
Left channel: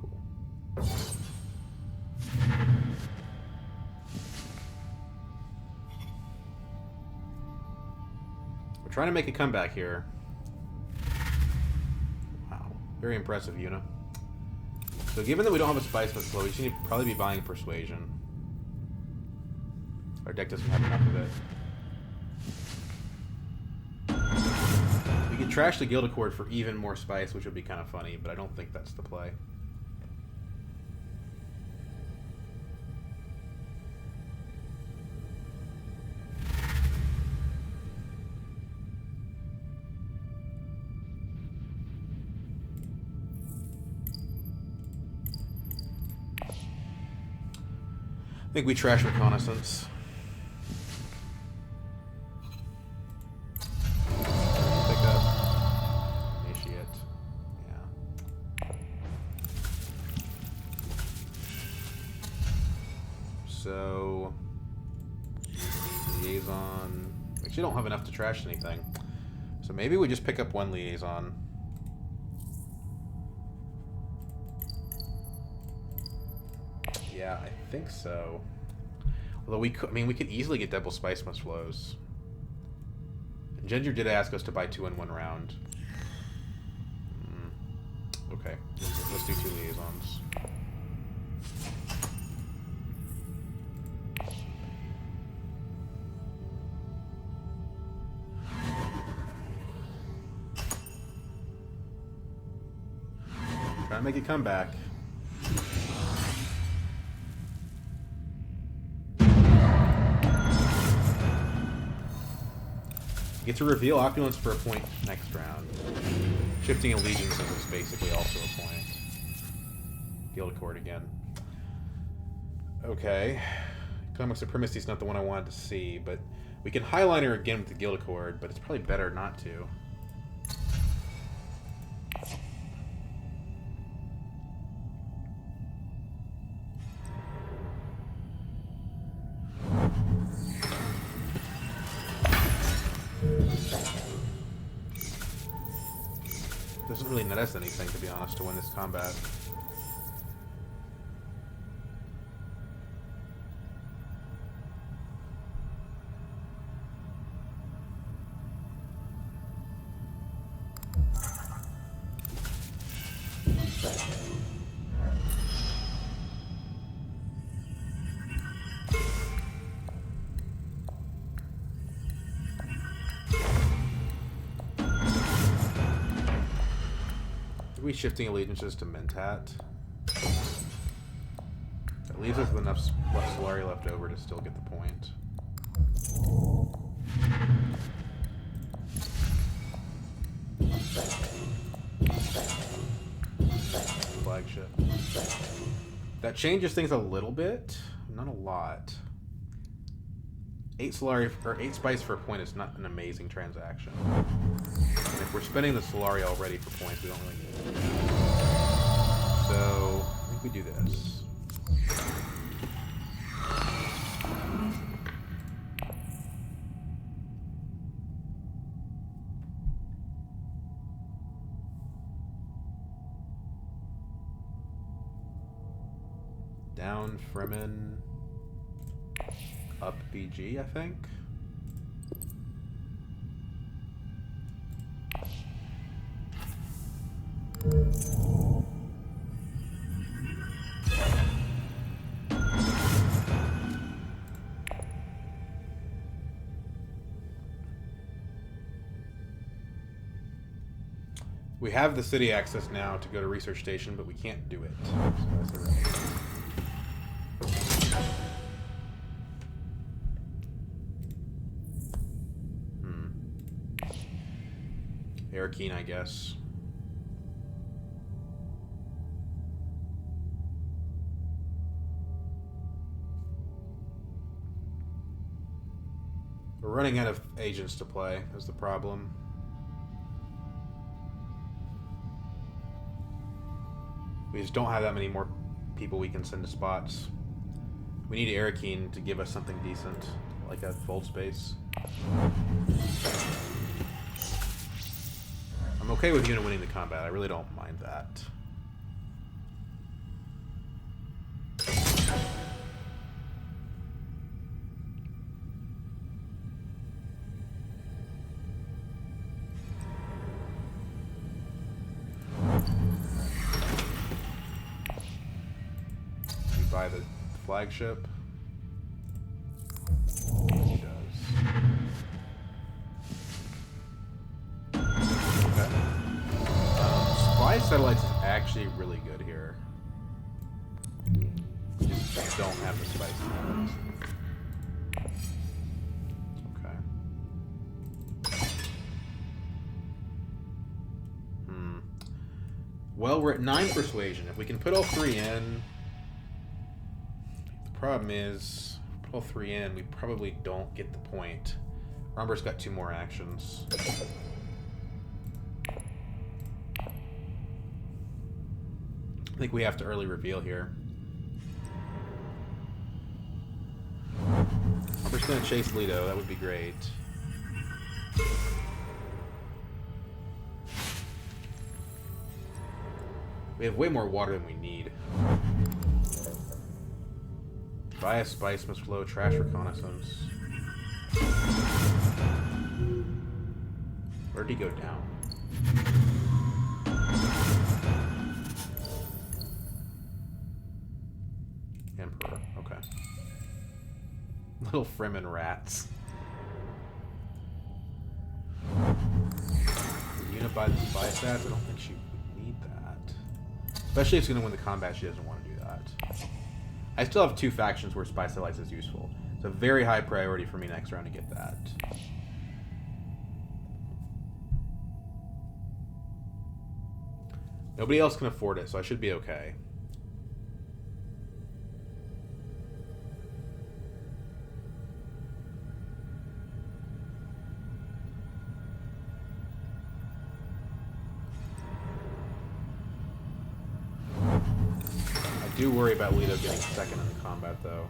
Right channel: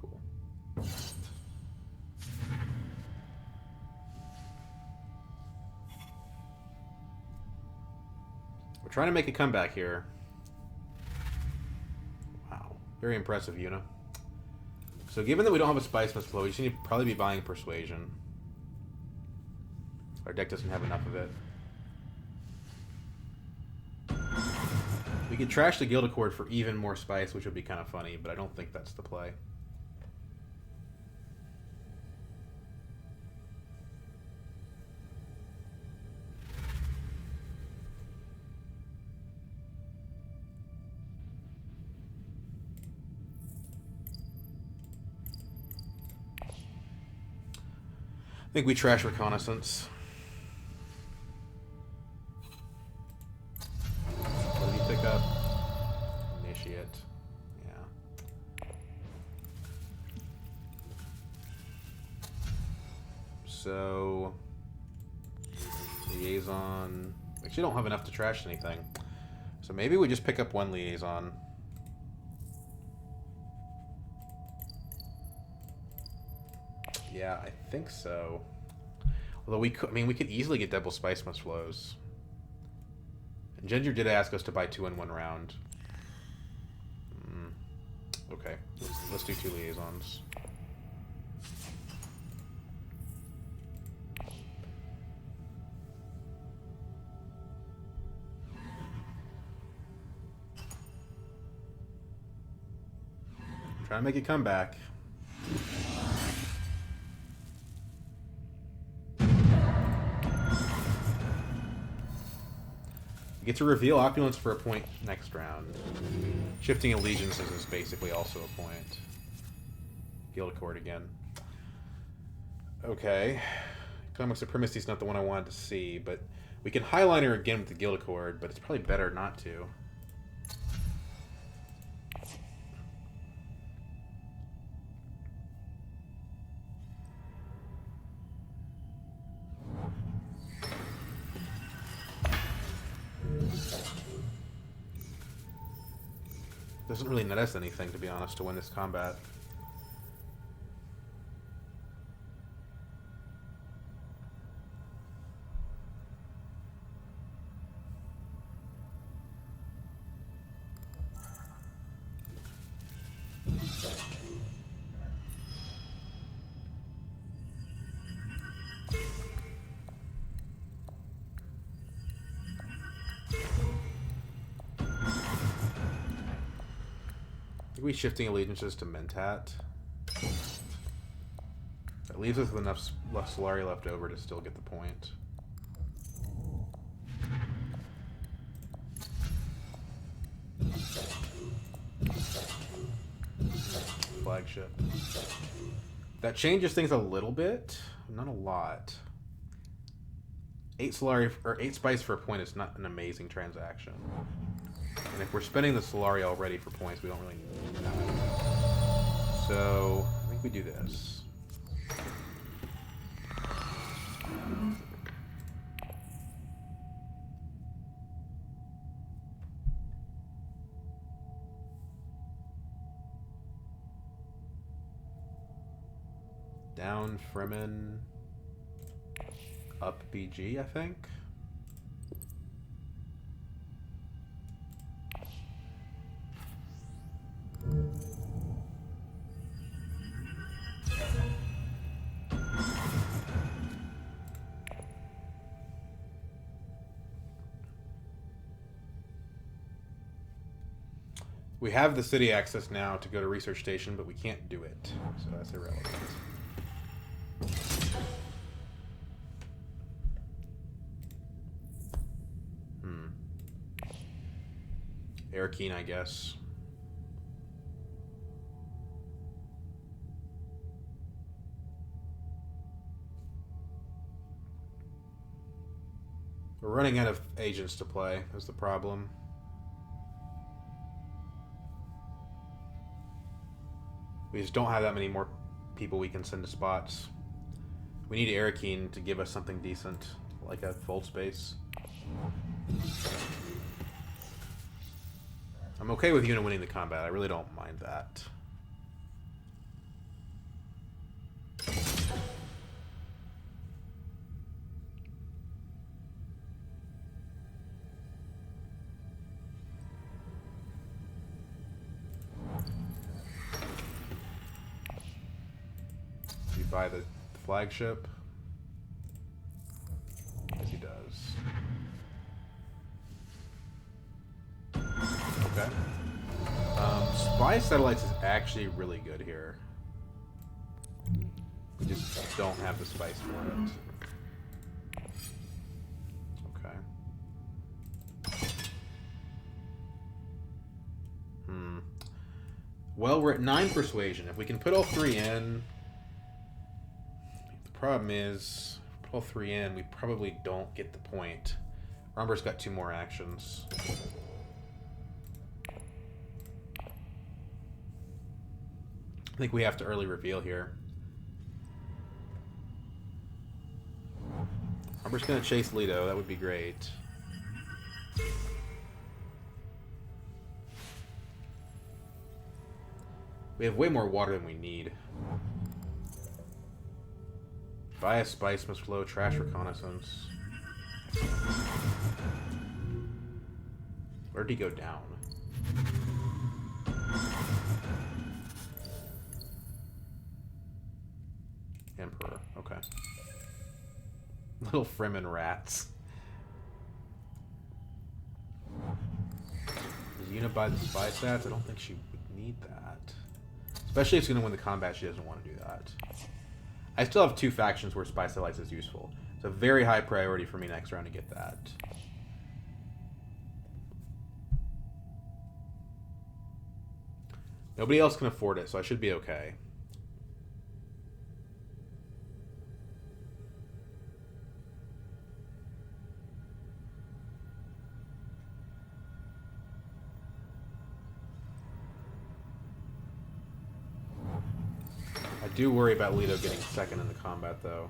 Cool. We're trying to make a comeback here. Wow. Very impressive, Yuna. So given that we don't have a Spice Mist flow, we should probably be buying Persuasion. Our deck doesn't have enough of it. We could trash the Guild Accord for even more spice, which would be kind of funny, but I don't think that's the play. I think we trash Reconnaissance. What do you pick up? Initiate. Yeah. So... Liaison... We actually don't have enough to trash anything. So maybe we just pick up 1 Liaison. Yeah, I think so. Although we could, I mean, we could easily get double Spice Mist flows. And Ginger did ask us to buy 2 in 1 round. Okay, let's do 2 Liaisons. Try to make a comeback. Get to reveal Opulence for a point next round. Shifting Allegiances is basically also a point. Guild Accord again. Okay. Economic Supremacy is not the one I wanted to see, but we can Highliner again with the Guild Accord, but it's probably better not to. Doesn't really net us anything, to be honest, to win this combat. Are we shifting Allegiances to Mentat? That leaves us with enough Solari left over to still get the point. Flagship. That changes things a little bit, not a lot. 8 Solari or 8 spice for a point is not an amazing transaction. And if we're spending the Solari already for points, we don't really need that. So I think we do this. Down Fremen, up BG, I think. We have the city access now to go to Research Station, but we can't do it, so that's irrelevant. Arakeen, I guess. We're running out of agents to play, is the problem. We just don't have that many more people we can send to spots. We need Arakeen to give us something decent, like a fold space. I'm okay with Yuna winning the combat. I really don't mind that. You buy the flagship. He does. Okay. Spy satellites is actually really good here. We just don't have the spice for it. Okay. Well, we're at 9 persuasion. If we can put all 3 in... The problem is, if we put all 3 in, we probably don't get the point. Romber's got 2 more actions. I think we have to early reveal here. Romber's going to chase Leto. That would be great. We have way more water than we need. Buy a spice must flow. Trash reconnaissance. Where'd he go down? Emperor. Okay. Little Fremen rats. Does Yuna buy the spy stats? I don't think she would need that. Especially if she's going to win the combat, she doesn't want to do that. I still have 2 factions where spy satellites is useful. It's a very high priority for me next round to get that. Nobody else can afford it, so I should be okay. I do worry about Leto getting second in the combat, though.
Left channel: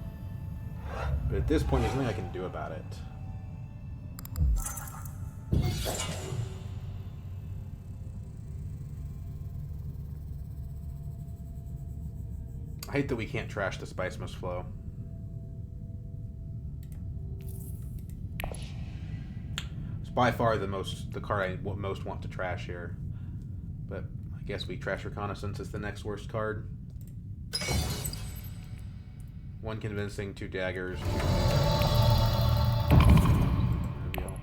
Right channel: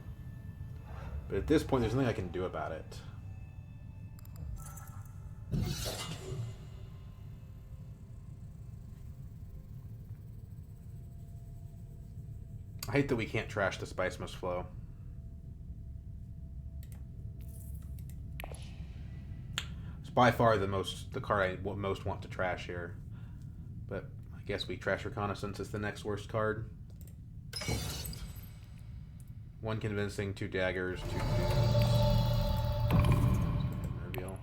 But at this point, there's nothing I can do about it. I hate that we can't trash the spice must flow. It's by far the card I most want to trash here. But I guess we trash reconnaissance as the next worst card. 1 convincing, 2 daggers, 2 dudes. Reveal.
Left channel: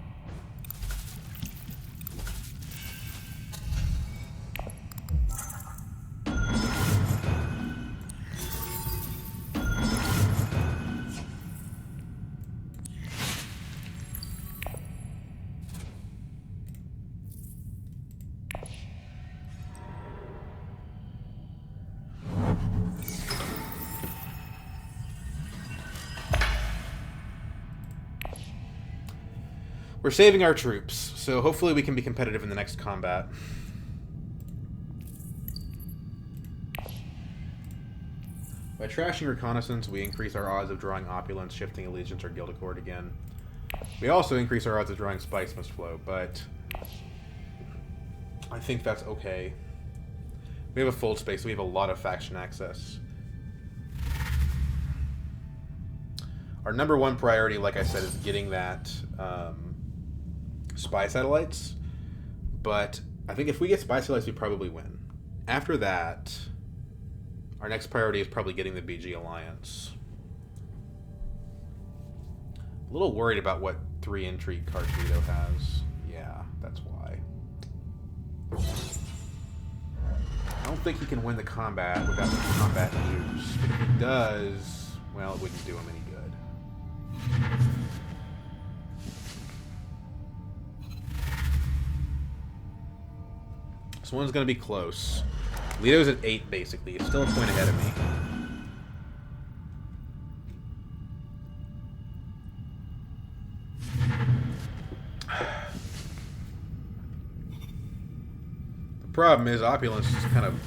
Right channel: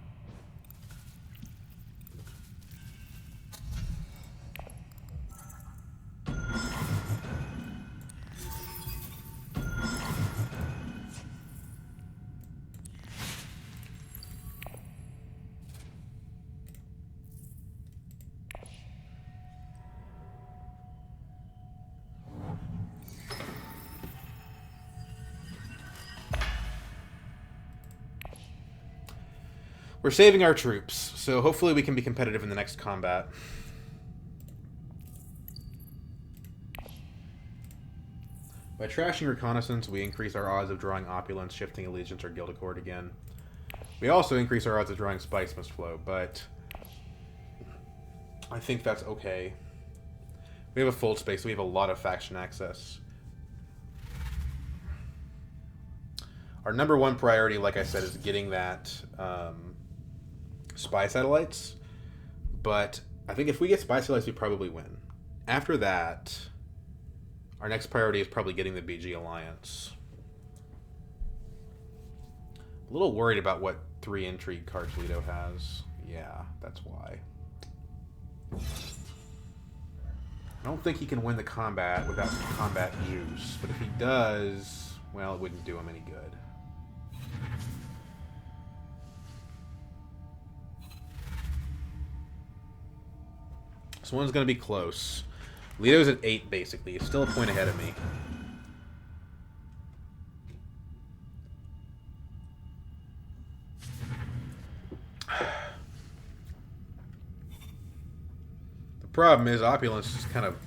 We're saving our troops, so hopefully we can be competitive in the next combat. By trashing reconnaissance, we increase our odds of drawing opulence, shifting allegiance, or guild accord again. We also increase our odds of drawing spice must flow, but I think that's okay. We have a fold space, so we have a lot of faction access. Our number 1 priority, like I said, is getting that spy satellites. But I think if we get spy satellites, we probably win. After that, our next priority is probably getting the BG Alliance. A little worried about what 3 intrigue cards Leto has. Yeah, that's why. I don't think he can win the combat without some combat juice. But if he does, well, it wouldn't do him any good. This one's going to be close. Leto's at 8, basically. He's still a point ahead of me. problem is Opulence is kind of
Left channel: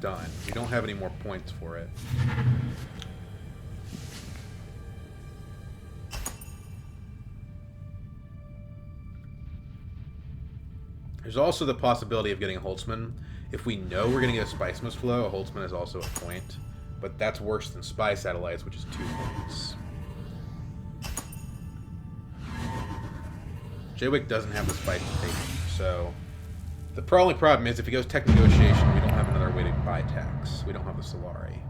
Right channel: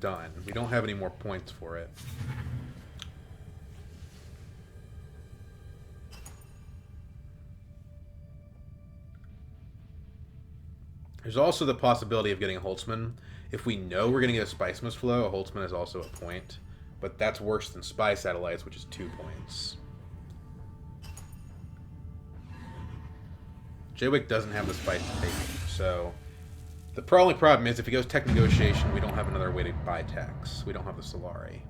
done. We don't have any more points for it. There's also the possibility of getting a Holtzman. If we know we're going to get a Spice Must Flow, a Holtzman is also a point. But that's worse than Spy Satellites, which is 2 points. Jaywick doesn't have the Spice to take him, so... The only problem is if he goes Tech Negotiation, we don't have another way to buy techs. We don't have the Solari.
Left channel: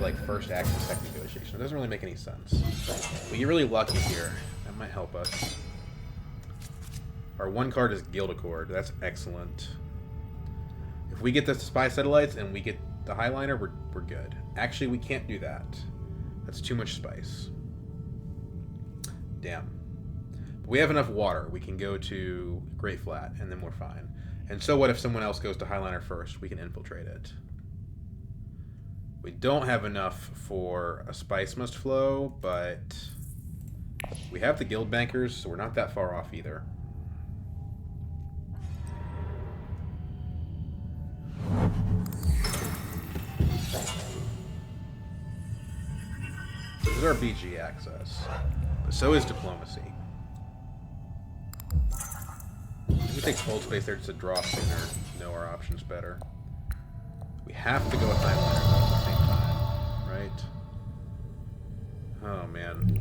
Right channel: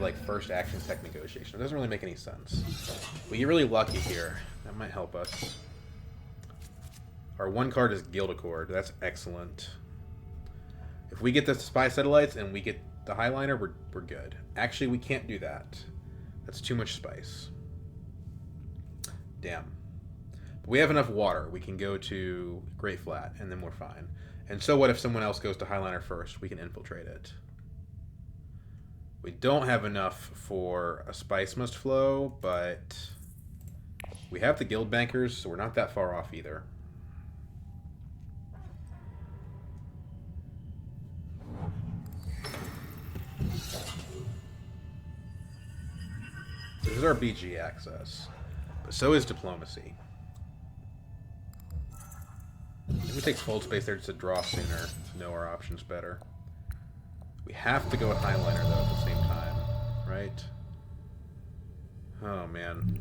Like first action tech negotiation. It doesn't really make any sense. We get really lucky here. That might help us. Our one card is Guild Accord. That's excellent. If we get the Spy Satellites and we get the Highliner, we're good. Actually, we can't do that. That's too much spice. Damn. But we have enough water. We can go to Great Flat, and then we're fine. And so what if someone else goes to Highliner first? We can infiltrate it. We don't have enough for a Spice Must Flow, but we have the Guild Bankers, so we're not that far off either. This is our BG access, but so is Diplomacy. I think we take Fold Space there just to draw sooner, know our options better. We have to go with Highliner, though, at the same time, right? Oh, man.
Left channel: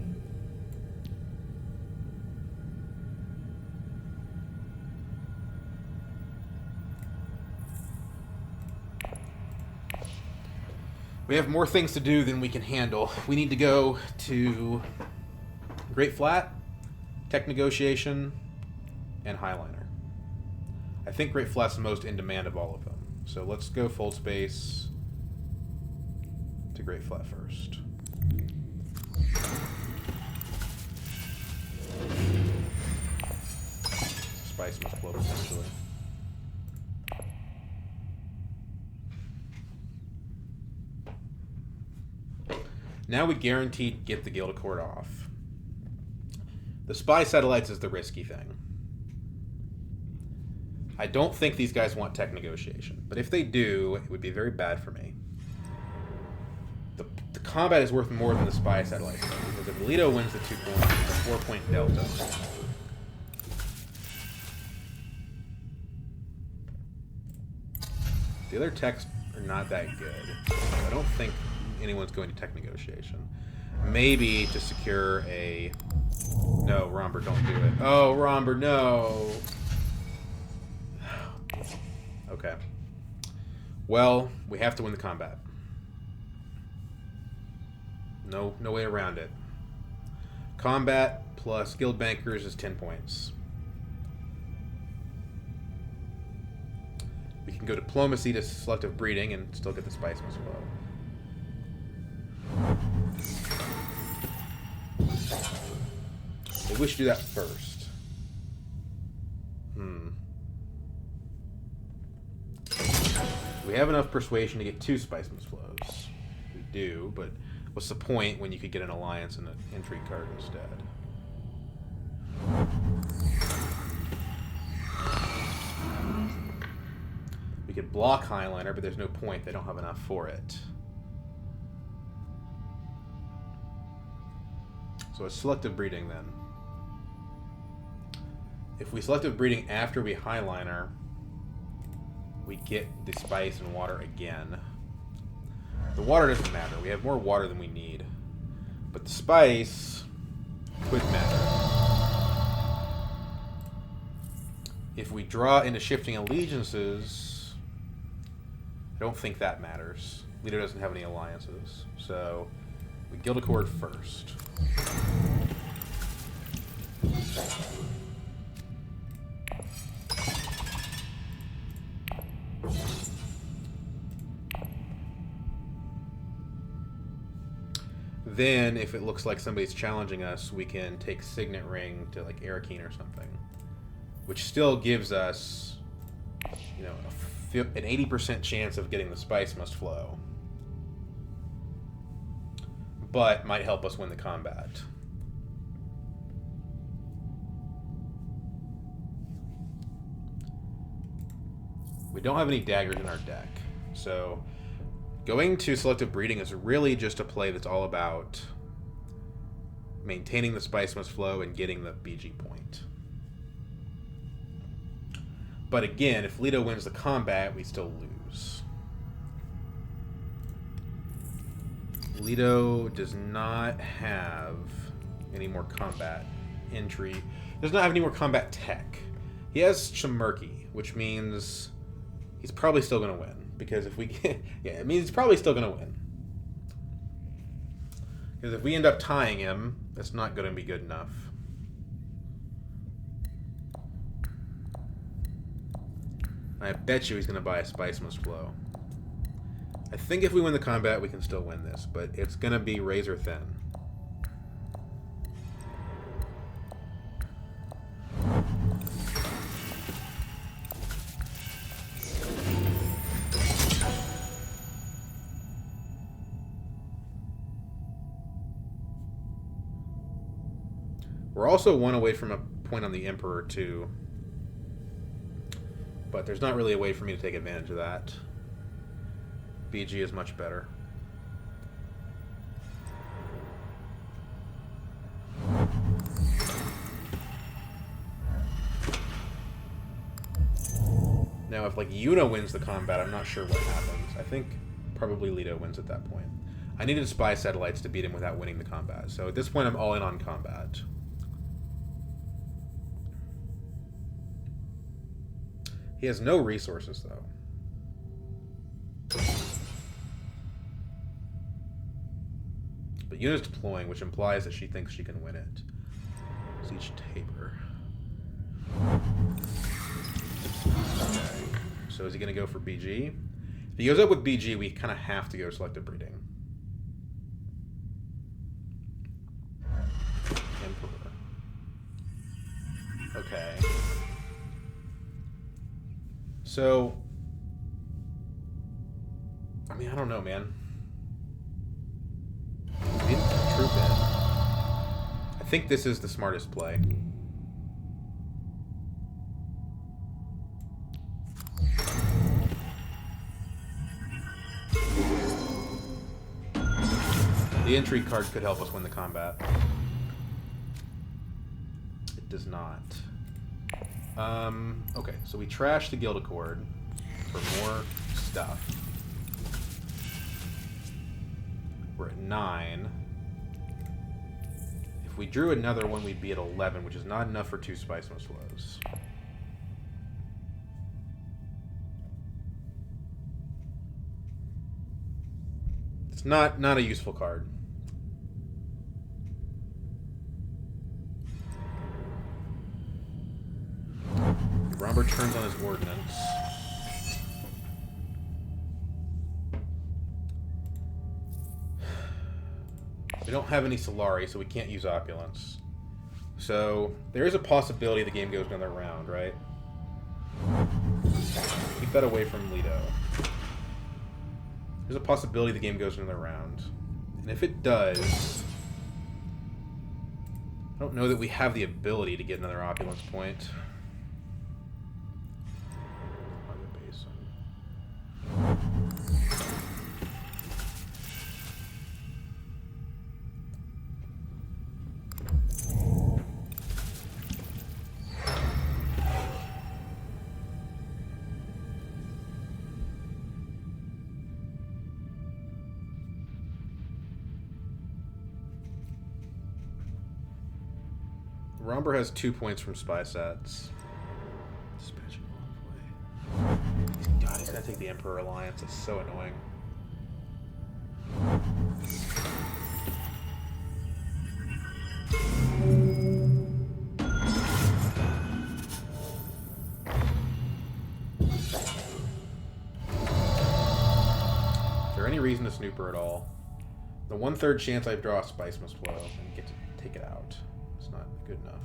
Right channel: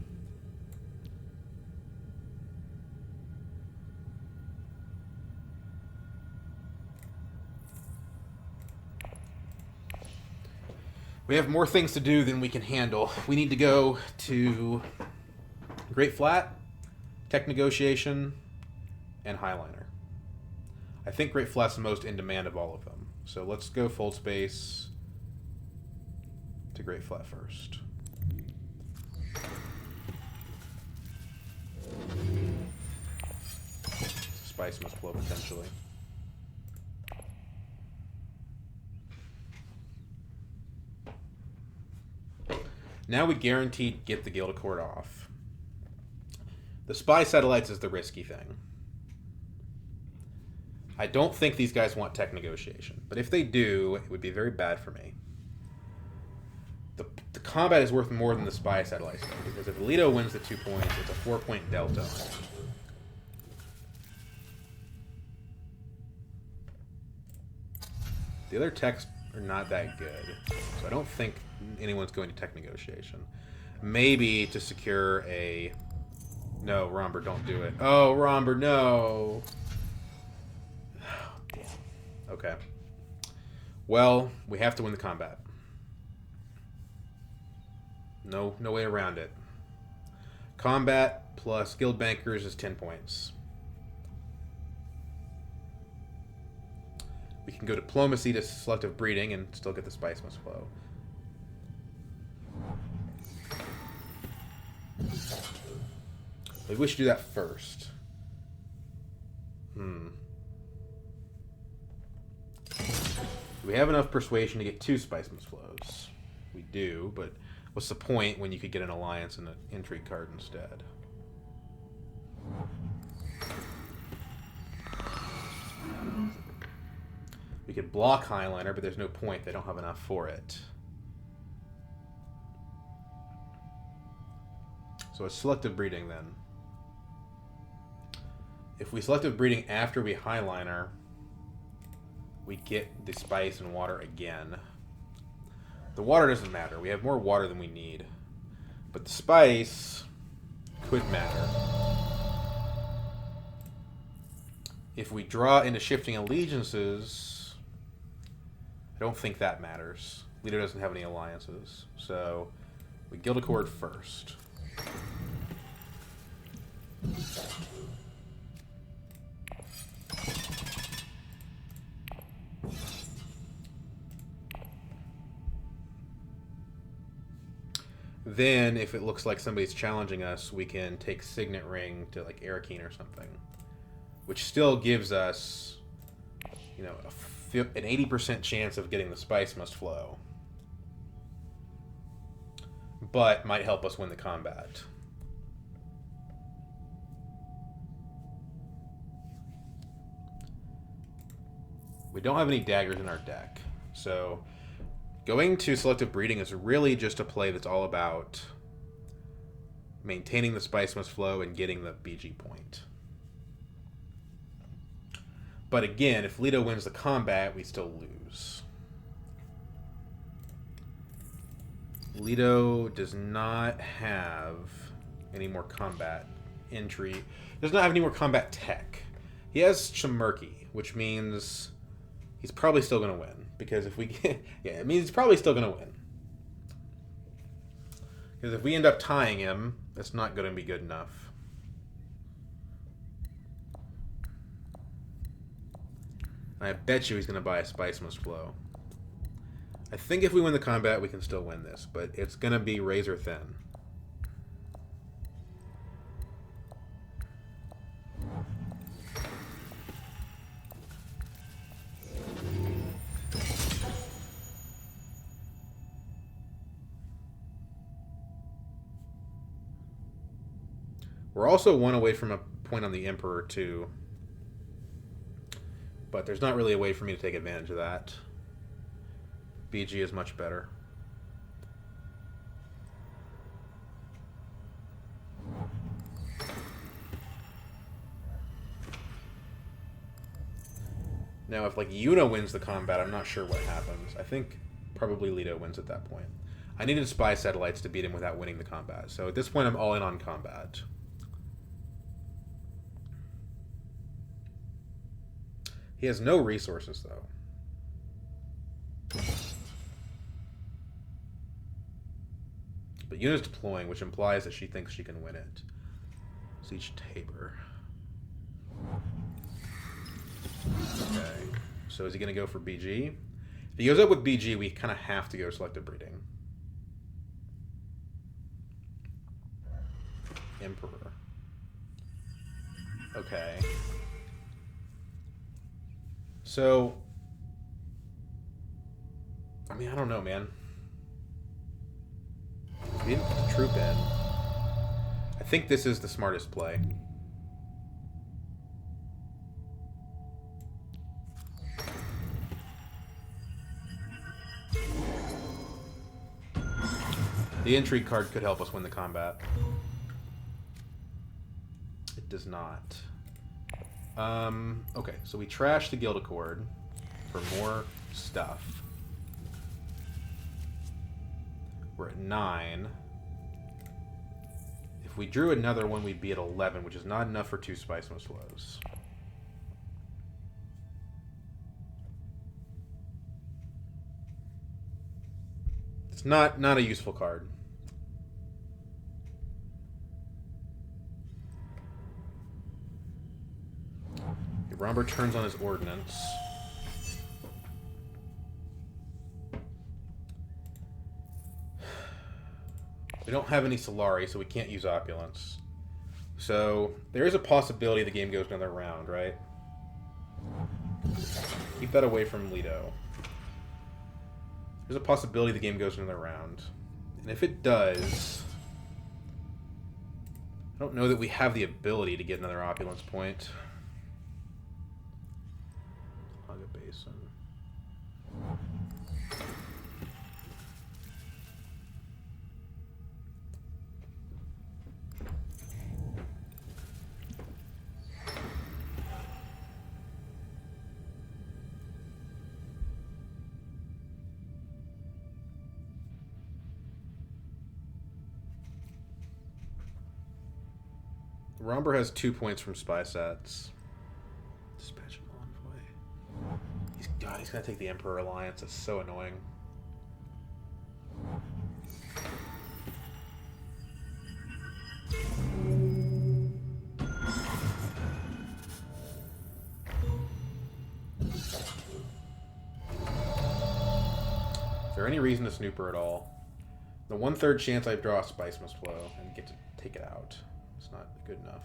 We have more things to do than we can handle. We need to go to Great Flat, Tech Negotiation, and Highliner. I think Great Flat's the most in demand of all of them. So let's go Fold Space to Great Flat first. Spice Must Flow potentially. Now we guaranteed get the Guild Accord off. The Spy Satellites is the risky thing. I don't think these guys want Tech Negotiation, but if they do, it would be very bad for me. The combat is worth more than the Spy Satellites, though, because if Leto wins the 2 points, it's a 4-point delta. The other techs are not that good, so I don't think anyone's going to Tech Negotiation. Maybe to secure a... No, Romber, don't do it. Oh, Romber, no! Okay. Well, we have to win the combat. No way around it. Combat plus Guild Bankers is 10 points. We can go Diplomacy to Selective Breeding and still get the Spice Must Flow. Maybe we should do that first. We have enough persuasion to get 2 Spice Must Flows. We do, but what's the point when you could get an alliance and an intrigue card instead? We could block Highliner, but there's no point. They don't have enough for it. So it's Selective Breeding then. If we Selective Breeding after we Highliner, we get the Spice and Water again. The Water doesn't matter. We have more water than we need. But the Spice could matter. If we draw into Shifting Allegiances, I don't think that matters. Leto doesn't have any alliances. So we Guild Accord first. then, if it looks like somebody's challenging us, we can take Signet Ring to, like, Arakeen or something. Which still gives us, you know, an 80% chance of getting the Spice Must Flow. But might help us win the combat. We don't have any daggers in our deck. So going to Selective Breeding is really just a play that's all about maintaining the Spice Must Flow and getting the BG point. But again, if Leto wins the combat, we still lose. Leto does not have any more combat entry. Does not have any more combat tech. He has some Murky, which means he's probably still going to win. Because if we get... Yeah, it means he's probably still going to win. Because if we end up tying him, that's not going to be good enough. I bet you he's going to buy a Spice Must Flow. I think if we win the combat, we can still win this, but it's going to be razor thin. We're also one away from a point on the Emperor, too. But there's not really a way for me to take advantage of that. BG is much better. Now, if, like, Yuna wins the combat, I'm not sure what happens. I think probably Leto wins at that point. I needed Spy Satellites to beat him without winning the combat. So at this point, I'm all in on combat. He has no resources, though. But Yuna's deploying, which implies that she thinks she can win it. Siege Tabor. Okay. So is he going to go for BG? If he goes up with BG, we kind of have to go Selective Breeding. Emperor. Okay. So, I mean, I don't know, man. We didn't put Troop in. I think this is the smartest play. The Intrigue card could help us win the combat. It does not. Okay, so we trash the Guild Accord for more stuff. We're at 9. If we drew another one, we'd be at 11, which is not enough for 2 Spice Must Flows. It's not a useful card. Romber turns on his ordnance. We don't have any Solari, so we can't use Opulence. So there is a possibility the game goes another round, right? Keep that away from Leto. There's a possibility the game goes another round. And if it does, I don't know that we have the ability to get another Opulence point. Romber has 2 points from Spy Sats. Dispatching Envoy. He's gonna take the Emperor Alliance. It's so annoying. Is there any reason to snoop her at all? The 1/3 chance I draw a Spice Must Flow and get to take it out. It's not good enough.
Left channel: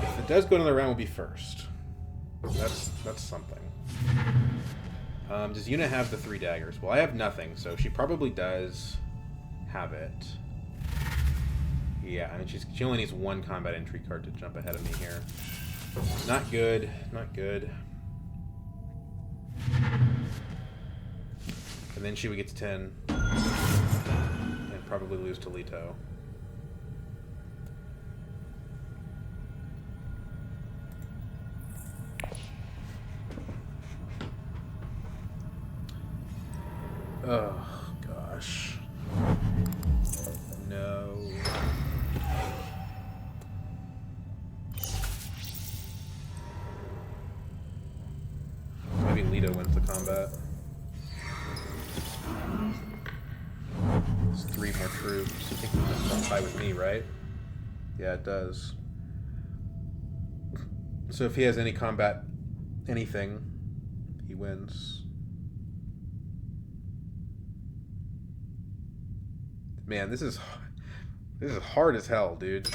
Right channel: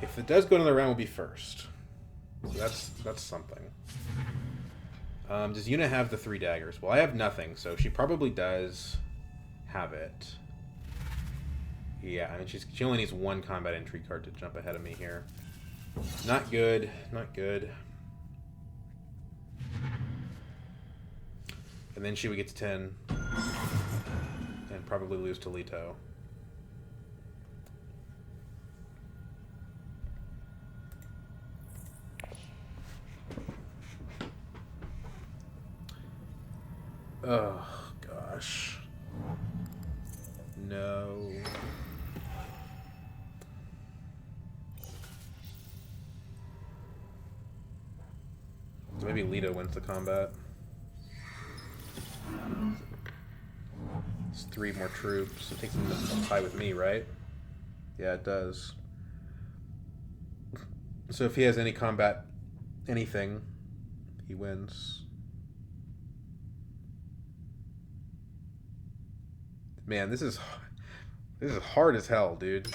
If it does go another round, we'll be first. So that's something. Does Yuna have the 3 daggers? Well, I have nothing, so she probably does have it. Yeah, I mean, she only needs 1 combat entry card to jump ahead of me here. Not good. Not good. And then she would get to 10. And probably lose to Leto. Oh, gosh. No. Maybe Leto wins the combat. It's 3 more troops. It takes them to tie with me, right? Yeah, it does. So if he has any combat, anything, he wins. Man, this is hard as hell, dude.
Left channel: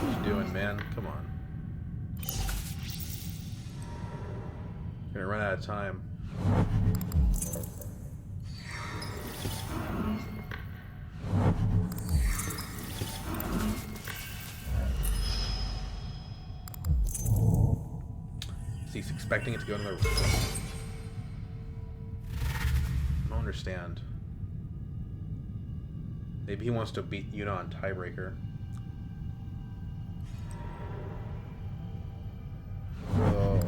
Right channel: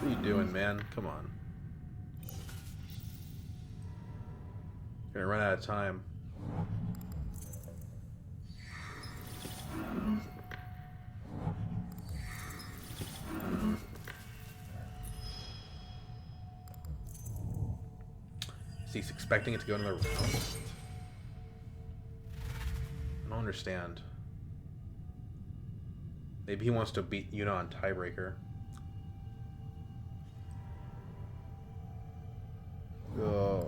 What are you doing, man? Come on. You're gonna run out of time. He's expecting it to go another round. I don't understand. Maybe he wants to beat Yuna on tiebreaker. Oh.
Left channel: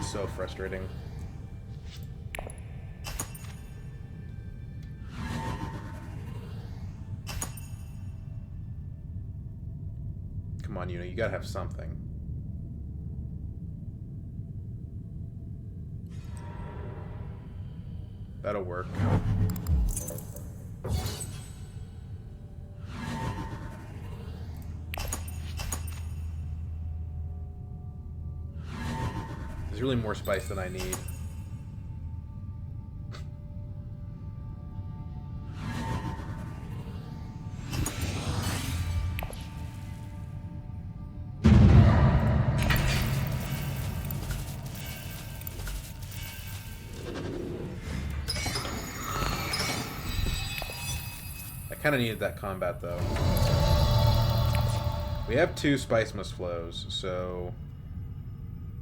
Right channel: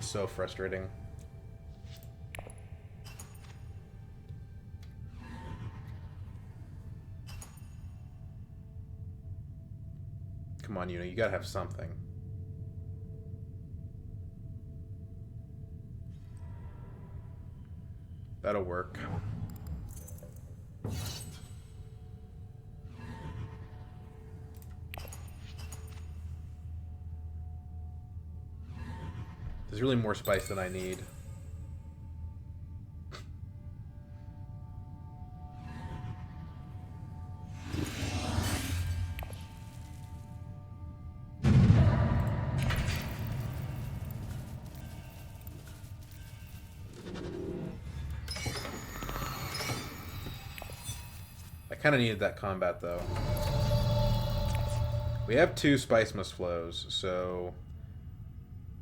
So frustrating. Come on, Yuna, you gotta have something. That'll work. There's really more spice than I need. Kind of needed that combat though. We have 2 Spice Must Flows, so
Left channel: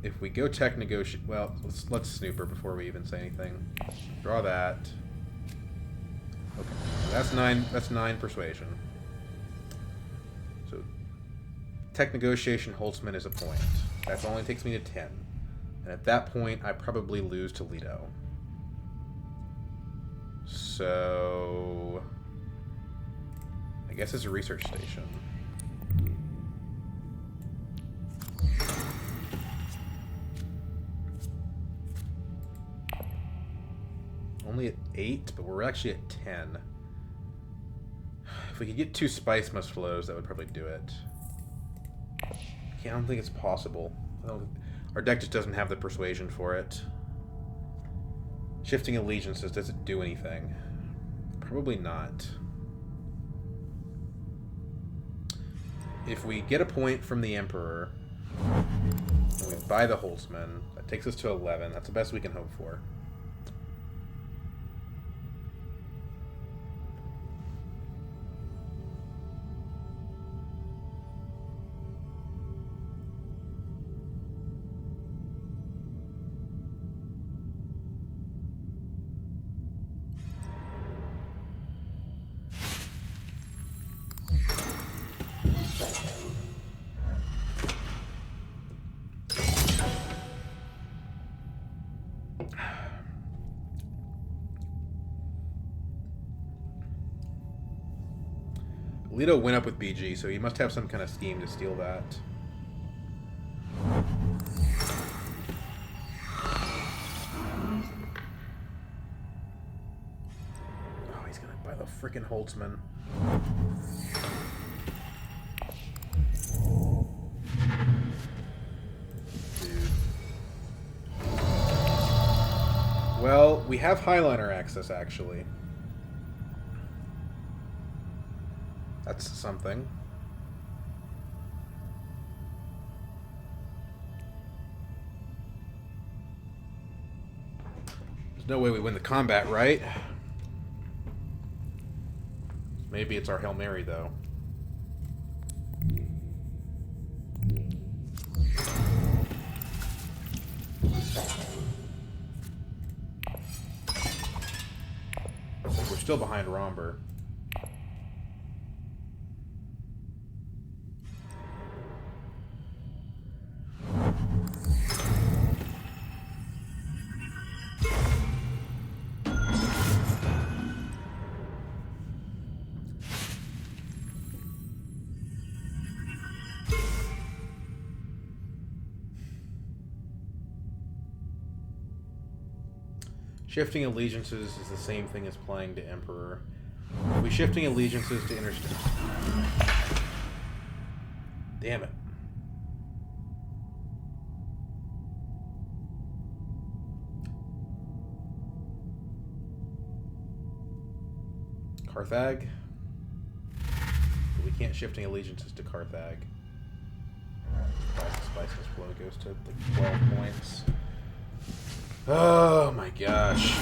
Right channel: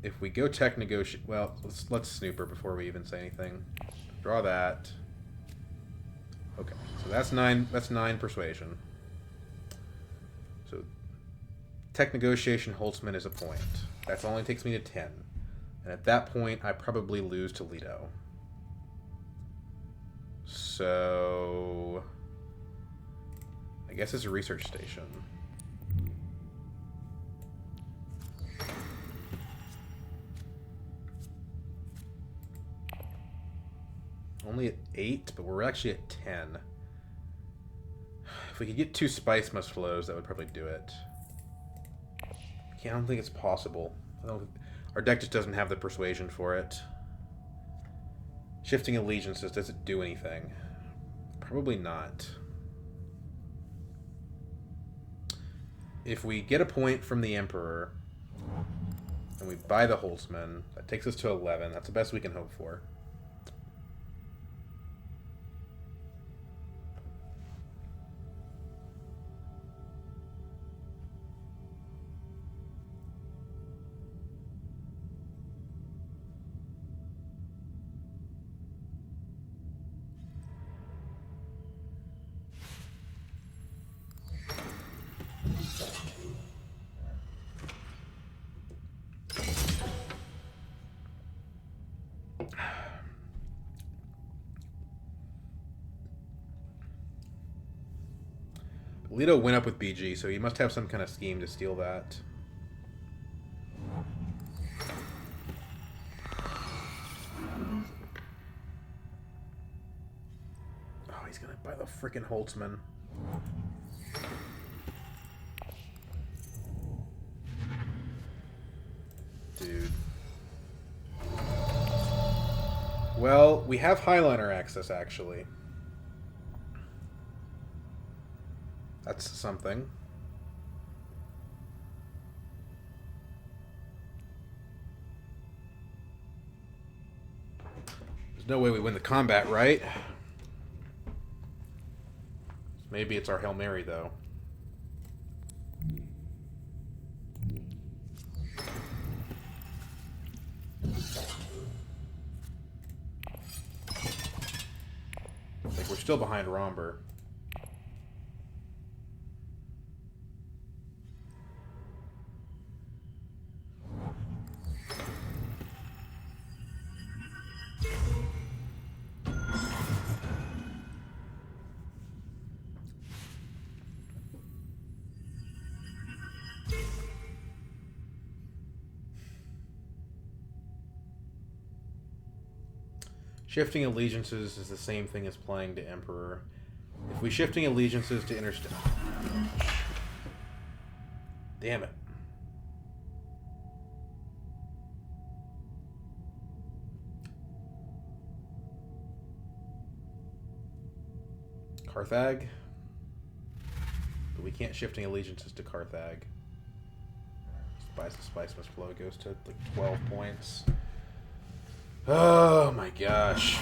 if we go tech negotiate, well, let's snooper before we even say anything. Draw that. Okay, so that's 9. That's 9 persuasion. So tech negotiation Holtzman is a point. That only takes me to 10, and at that point I probably lose to Leto. So I guess it's a research station. Only at 8, but we're actually at 10. If we could get 2 Spice Must Flows, that would probably do it. I don't think it's possible. Our deck just doesn't have the persuasion for it. Shifting Allegiances, does it do anything? Probably not. If we get a point from the Emperor, and we buy the Holtzman, that takes us to 11. That's the best we can hope for. Leto went up with BG, so he must have some kind of scheme to steal that. Oh, he's gonna buy the freaking Holtzman. Dude. Well, we have Highliner access, actually. That's something. There's no way we win the combat, right? Maybe it's our Hail Mary, though. Like, we're still behind Romber. Shifting allegiances is the same thing as playing to Emperor. If we shifting allegiances to Interstate... Damn it. Carthag? But we can't shifting allegiances to Carthag. Spiceless flow goes to like 12 points. Oh my gosh.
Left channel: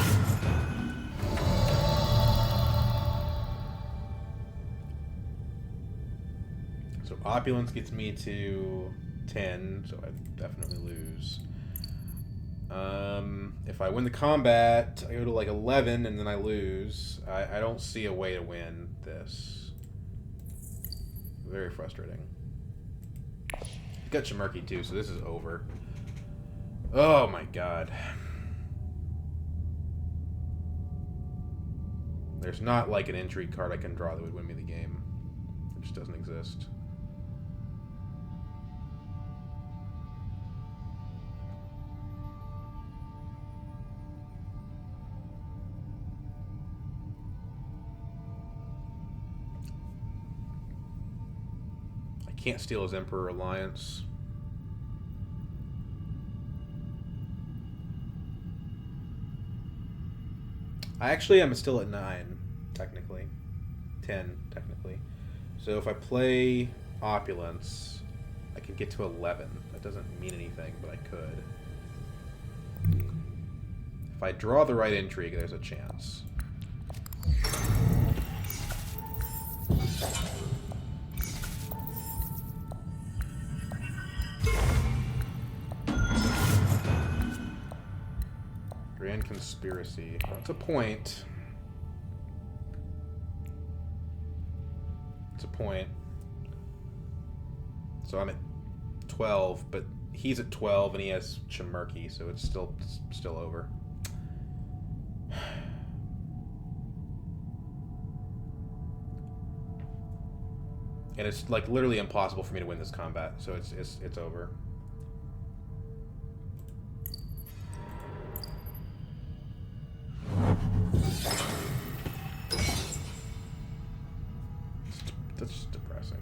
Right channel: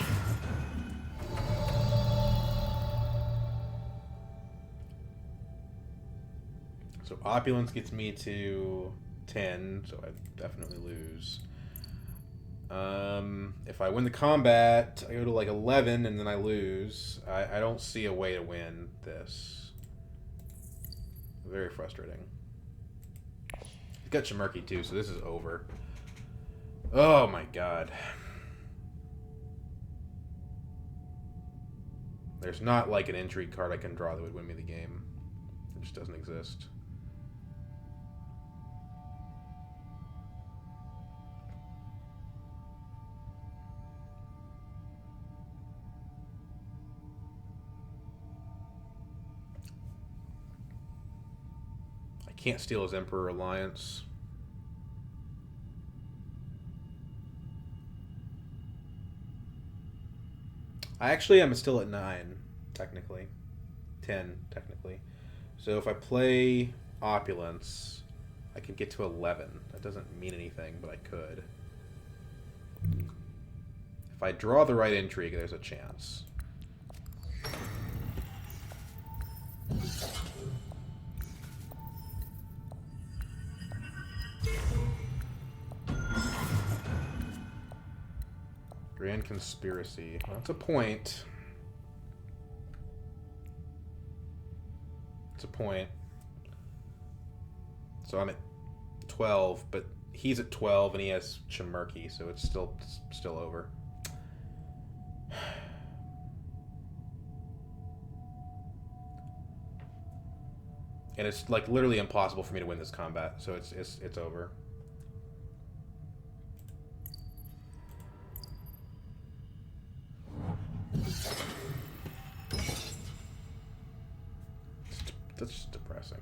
So Opulence gets me to 10, so I definitely lose. If I win the combat, I go to like 11 and then I lose. I don't see a way to win this. Very frustrating. He's got Chimerki too, so this is over. Oh my god. There's not like an intrigue card I can draw that would win me the game. It just doesn't exist. I can't steal his Emperor Alliance. I actually am still at 9, technically. 10, technically. So if I play Opulence, I can get to 11. That doesn't mean anything, but I could. If I draw the right intrigue, there's a chance. Grand Conspiracy. Well, that's a point. It's a point. So I'm at 12, but he's at 12 and he has Chimerki, so it's still over. And it's like literally impossible for me to win this combat, so it's over. That's just depressing.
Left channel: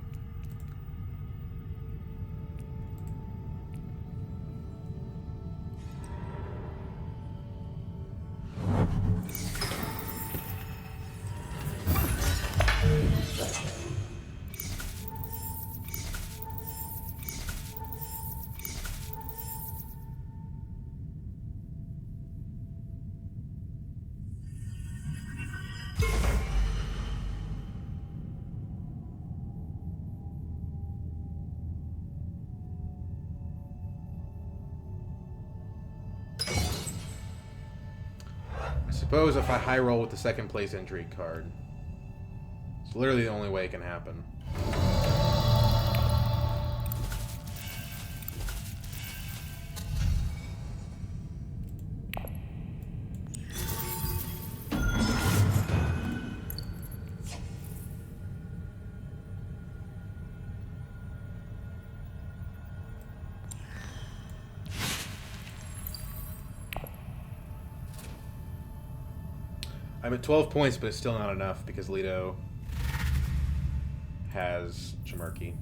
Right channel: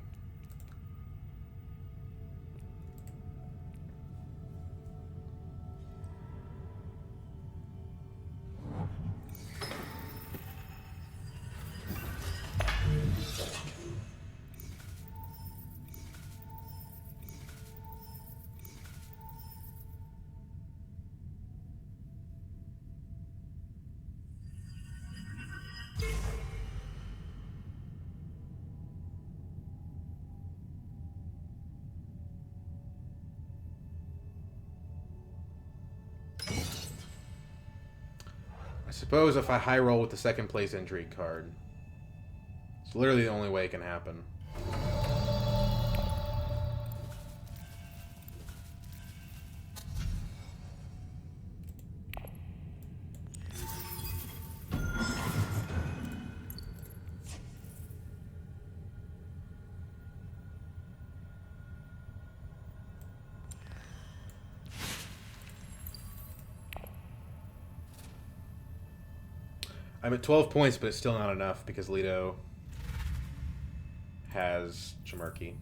I suppose if I high roll with the second place intrigue card, it's literally the only way it can happen. I'm at 12 points, but it's still not enough because Leto has Jamarki.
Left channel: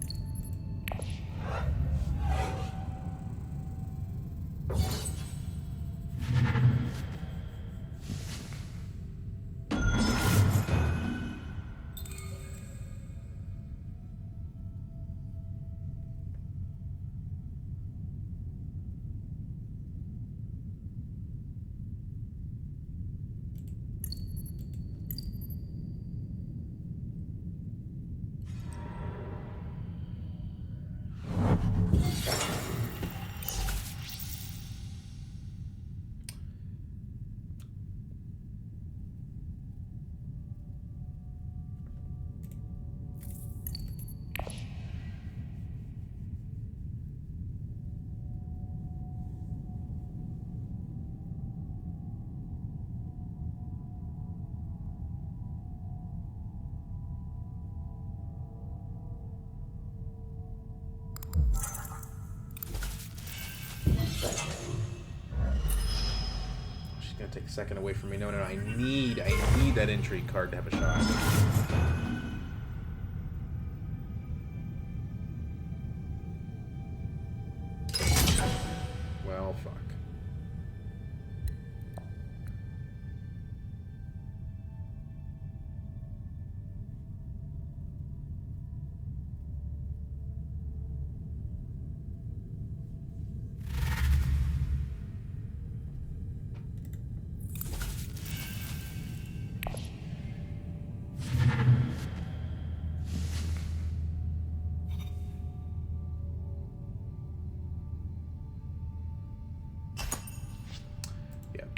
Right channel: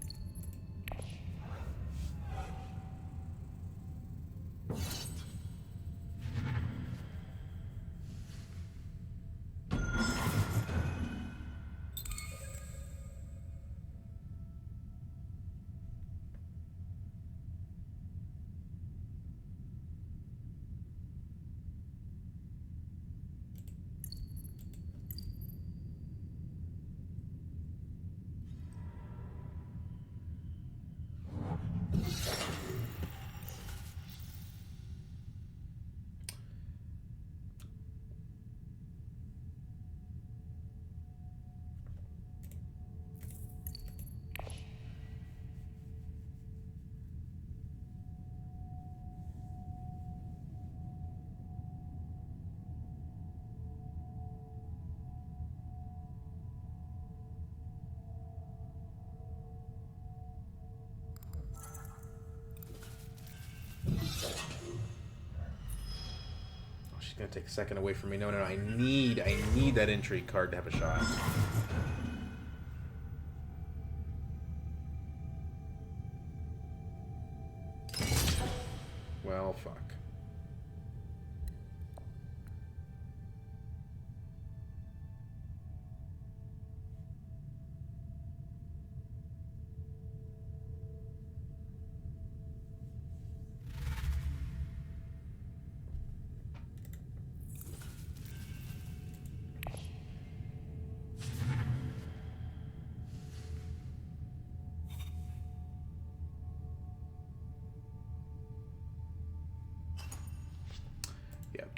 Gonna take a second away from me. No, I need that intrigue card to have a shot. Well, fuck.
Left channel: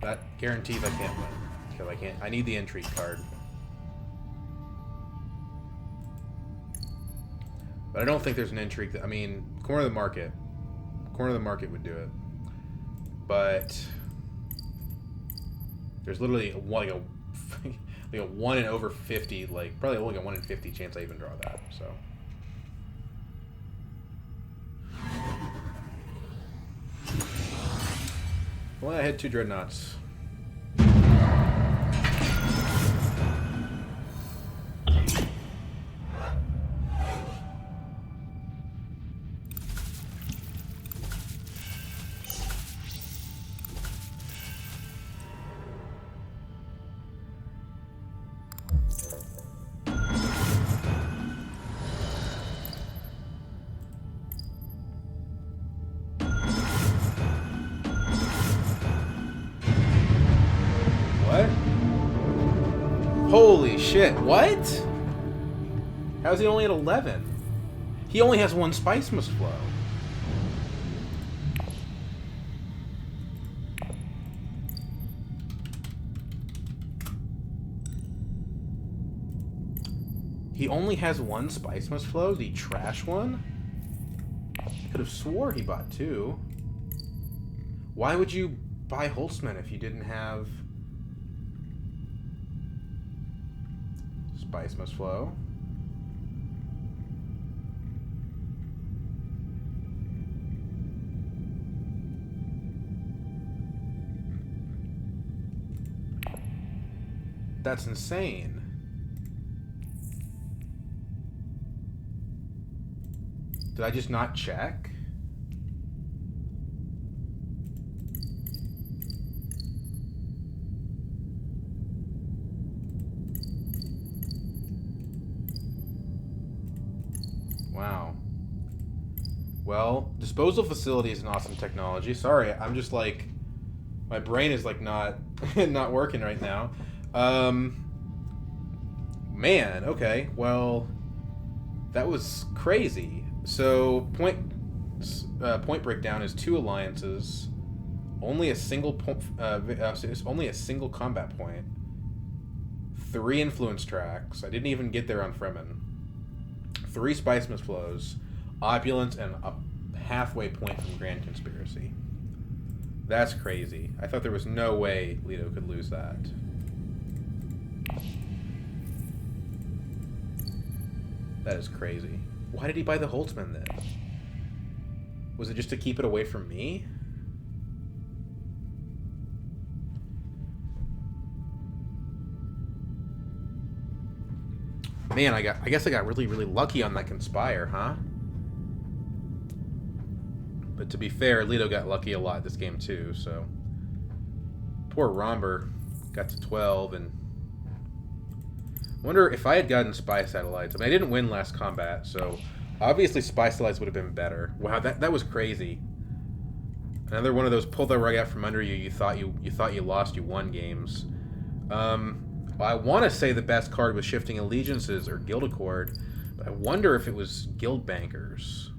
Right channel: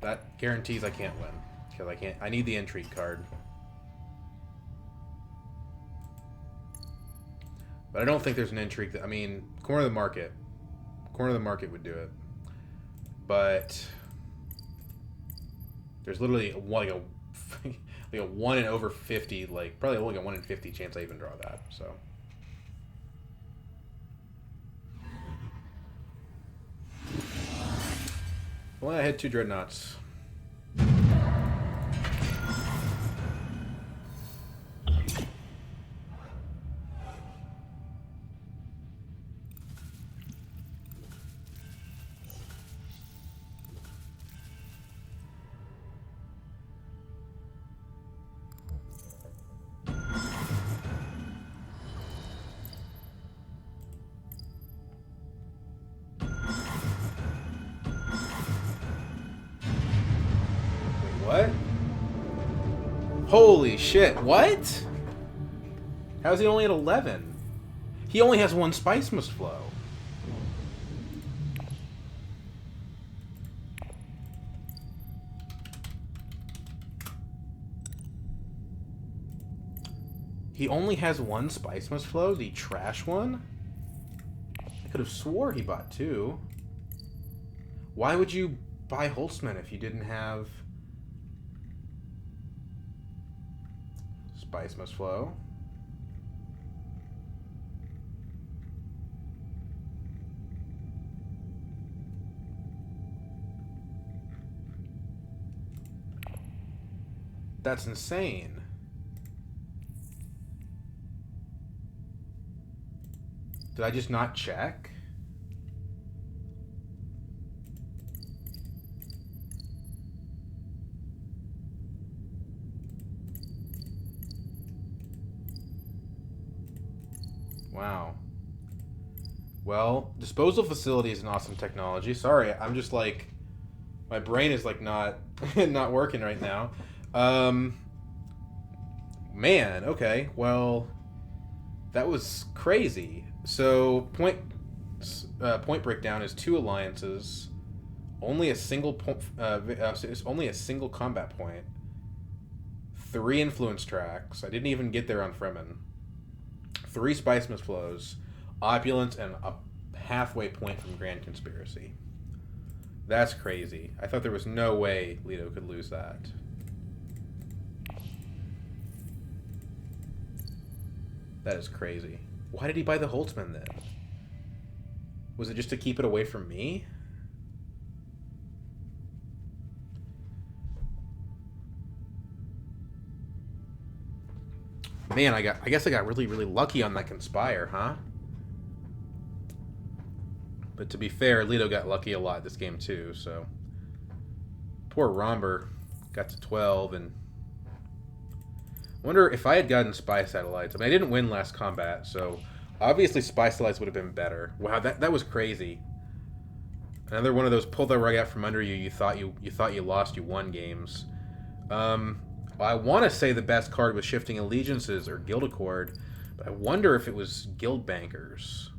That guarantees I can't win because I can't. I need the intrigue card, but I don't think there's an intrigue. I mean, corner of the market would do it, but there's literally like a 1 in over 50, like probably only a 1 in 50 chance I even draw that. So. Well, I had 2 dreadnoughts. What? Holy shit, what? How's he only at 11? He only has 1 Spice Must Flow. He only has 1 Spice Must Flow? Did he trash one? I could have swore he bought 2. Why would you buy Holtzman if you didn't have... Spice Must Flow? That's insane. Did I just not check? Wow. Well, disposal facility is an awesome technology. Sorry, I'm just like, my brain is like not not working right now. Man, okay. Well, that was crazy. So point breakdown is 2 alliances, only a single only a single combat point, 3 influence tracks. I didn't even get there on Fremen. 3 Spice Must Flows, opulence, and a halfway point from Grand Conspiracy. That's crazy. I thought there was no way Leto could lose that. That is crazy. Why did he buy the Holtzman then? Was it just to keep it away from me? Man, I guess I got really, really lucky on that Conspire, huh? But to be fair, Leto got lucky a lot this game too, so... Poor Romber got to 12, and... Wonder if I had gotten Spy Satellites. I mean, I didn't win last combat, so... Obviously, Spy Satellites would have been better. Wow, that was crazy. Another one of those pull the rug out from under you. You thought you lost, you won games. Well, I want to say the best card was Shifting Allegiances or Guild Accord, but I wonder if it was Guild Bankers.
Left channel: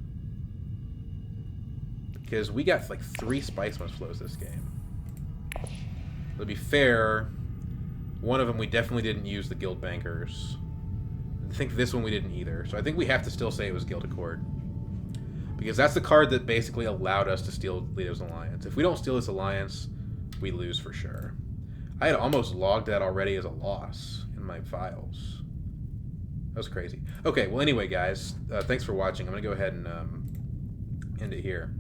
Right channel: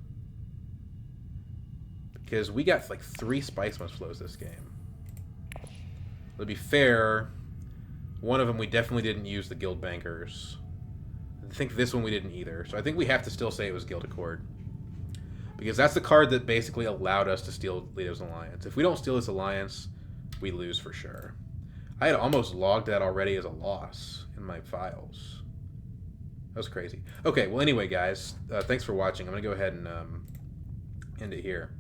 Because we got like 3 Spice Must Flows this game. To be fair, one of them we definitely didn't use the Guild Bankers. I think this one we didn't either. So I think we have to still say it was Guild Accord. Because that's the card that basically allowed us to steal Leto's Alliance. If we don't steal this Alliance, we lose for sure. I had almost logged that already as a loss in my files. That was crazy. Okay, well anyway, guys, thanks for watching. I'm going to go ahead and end it here.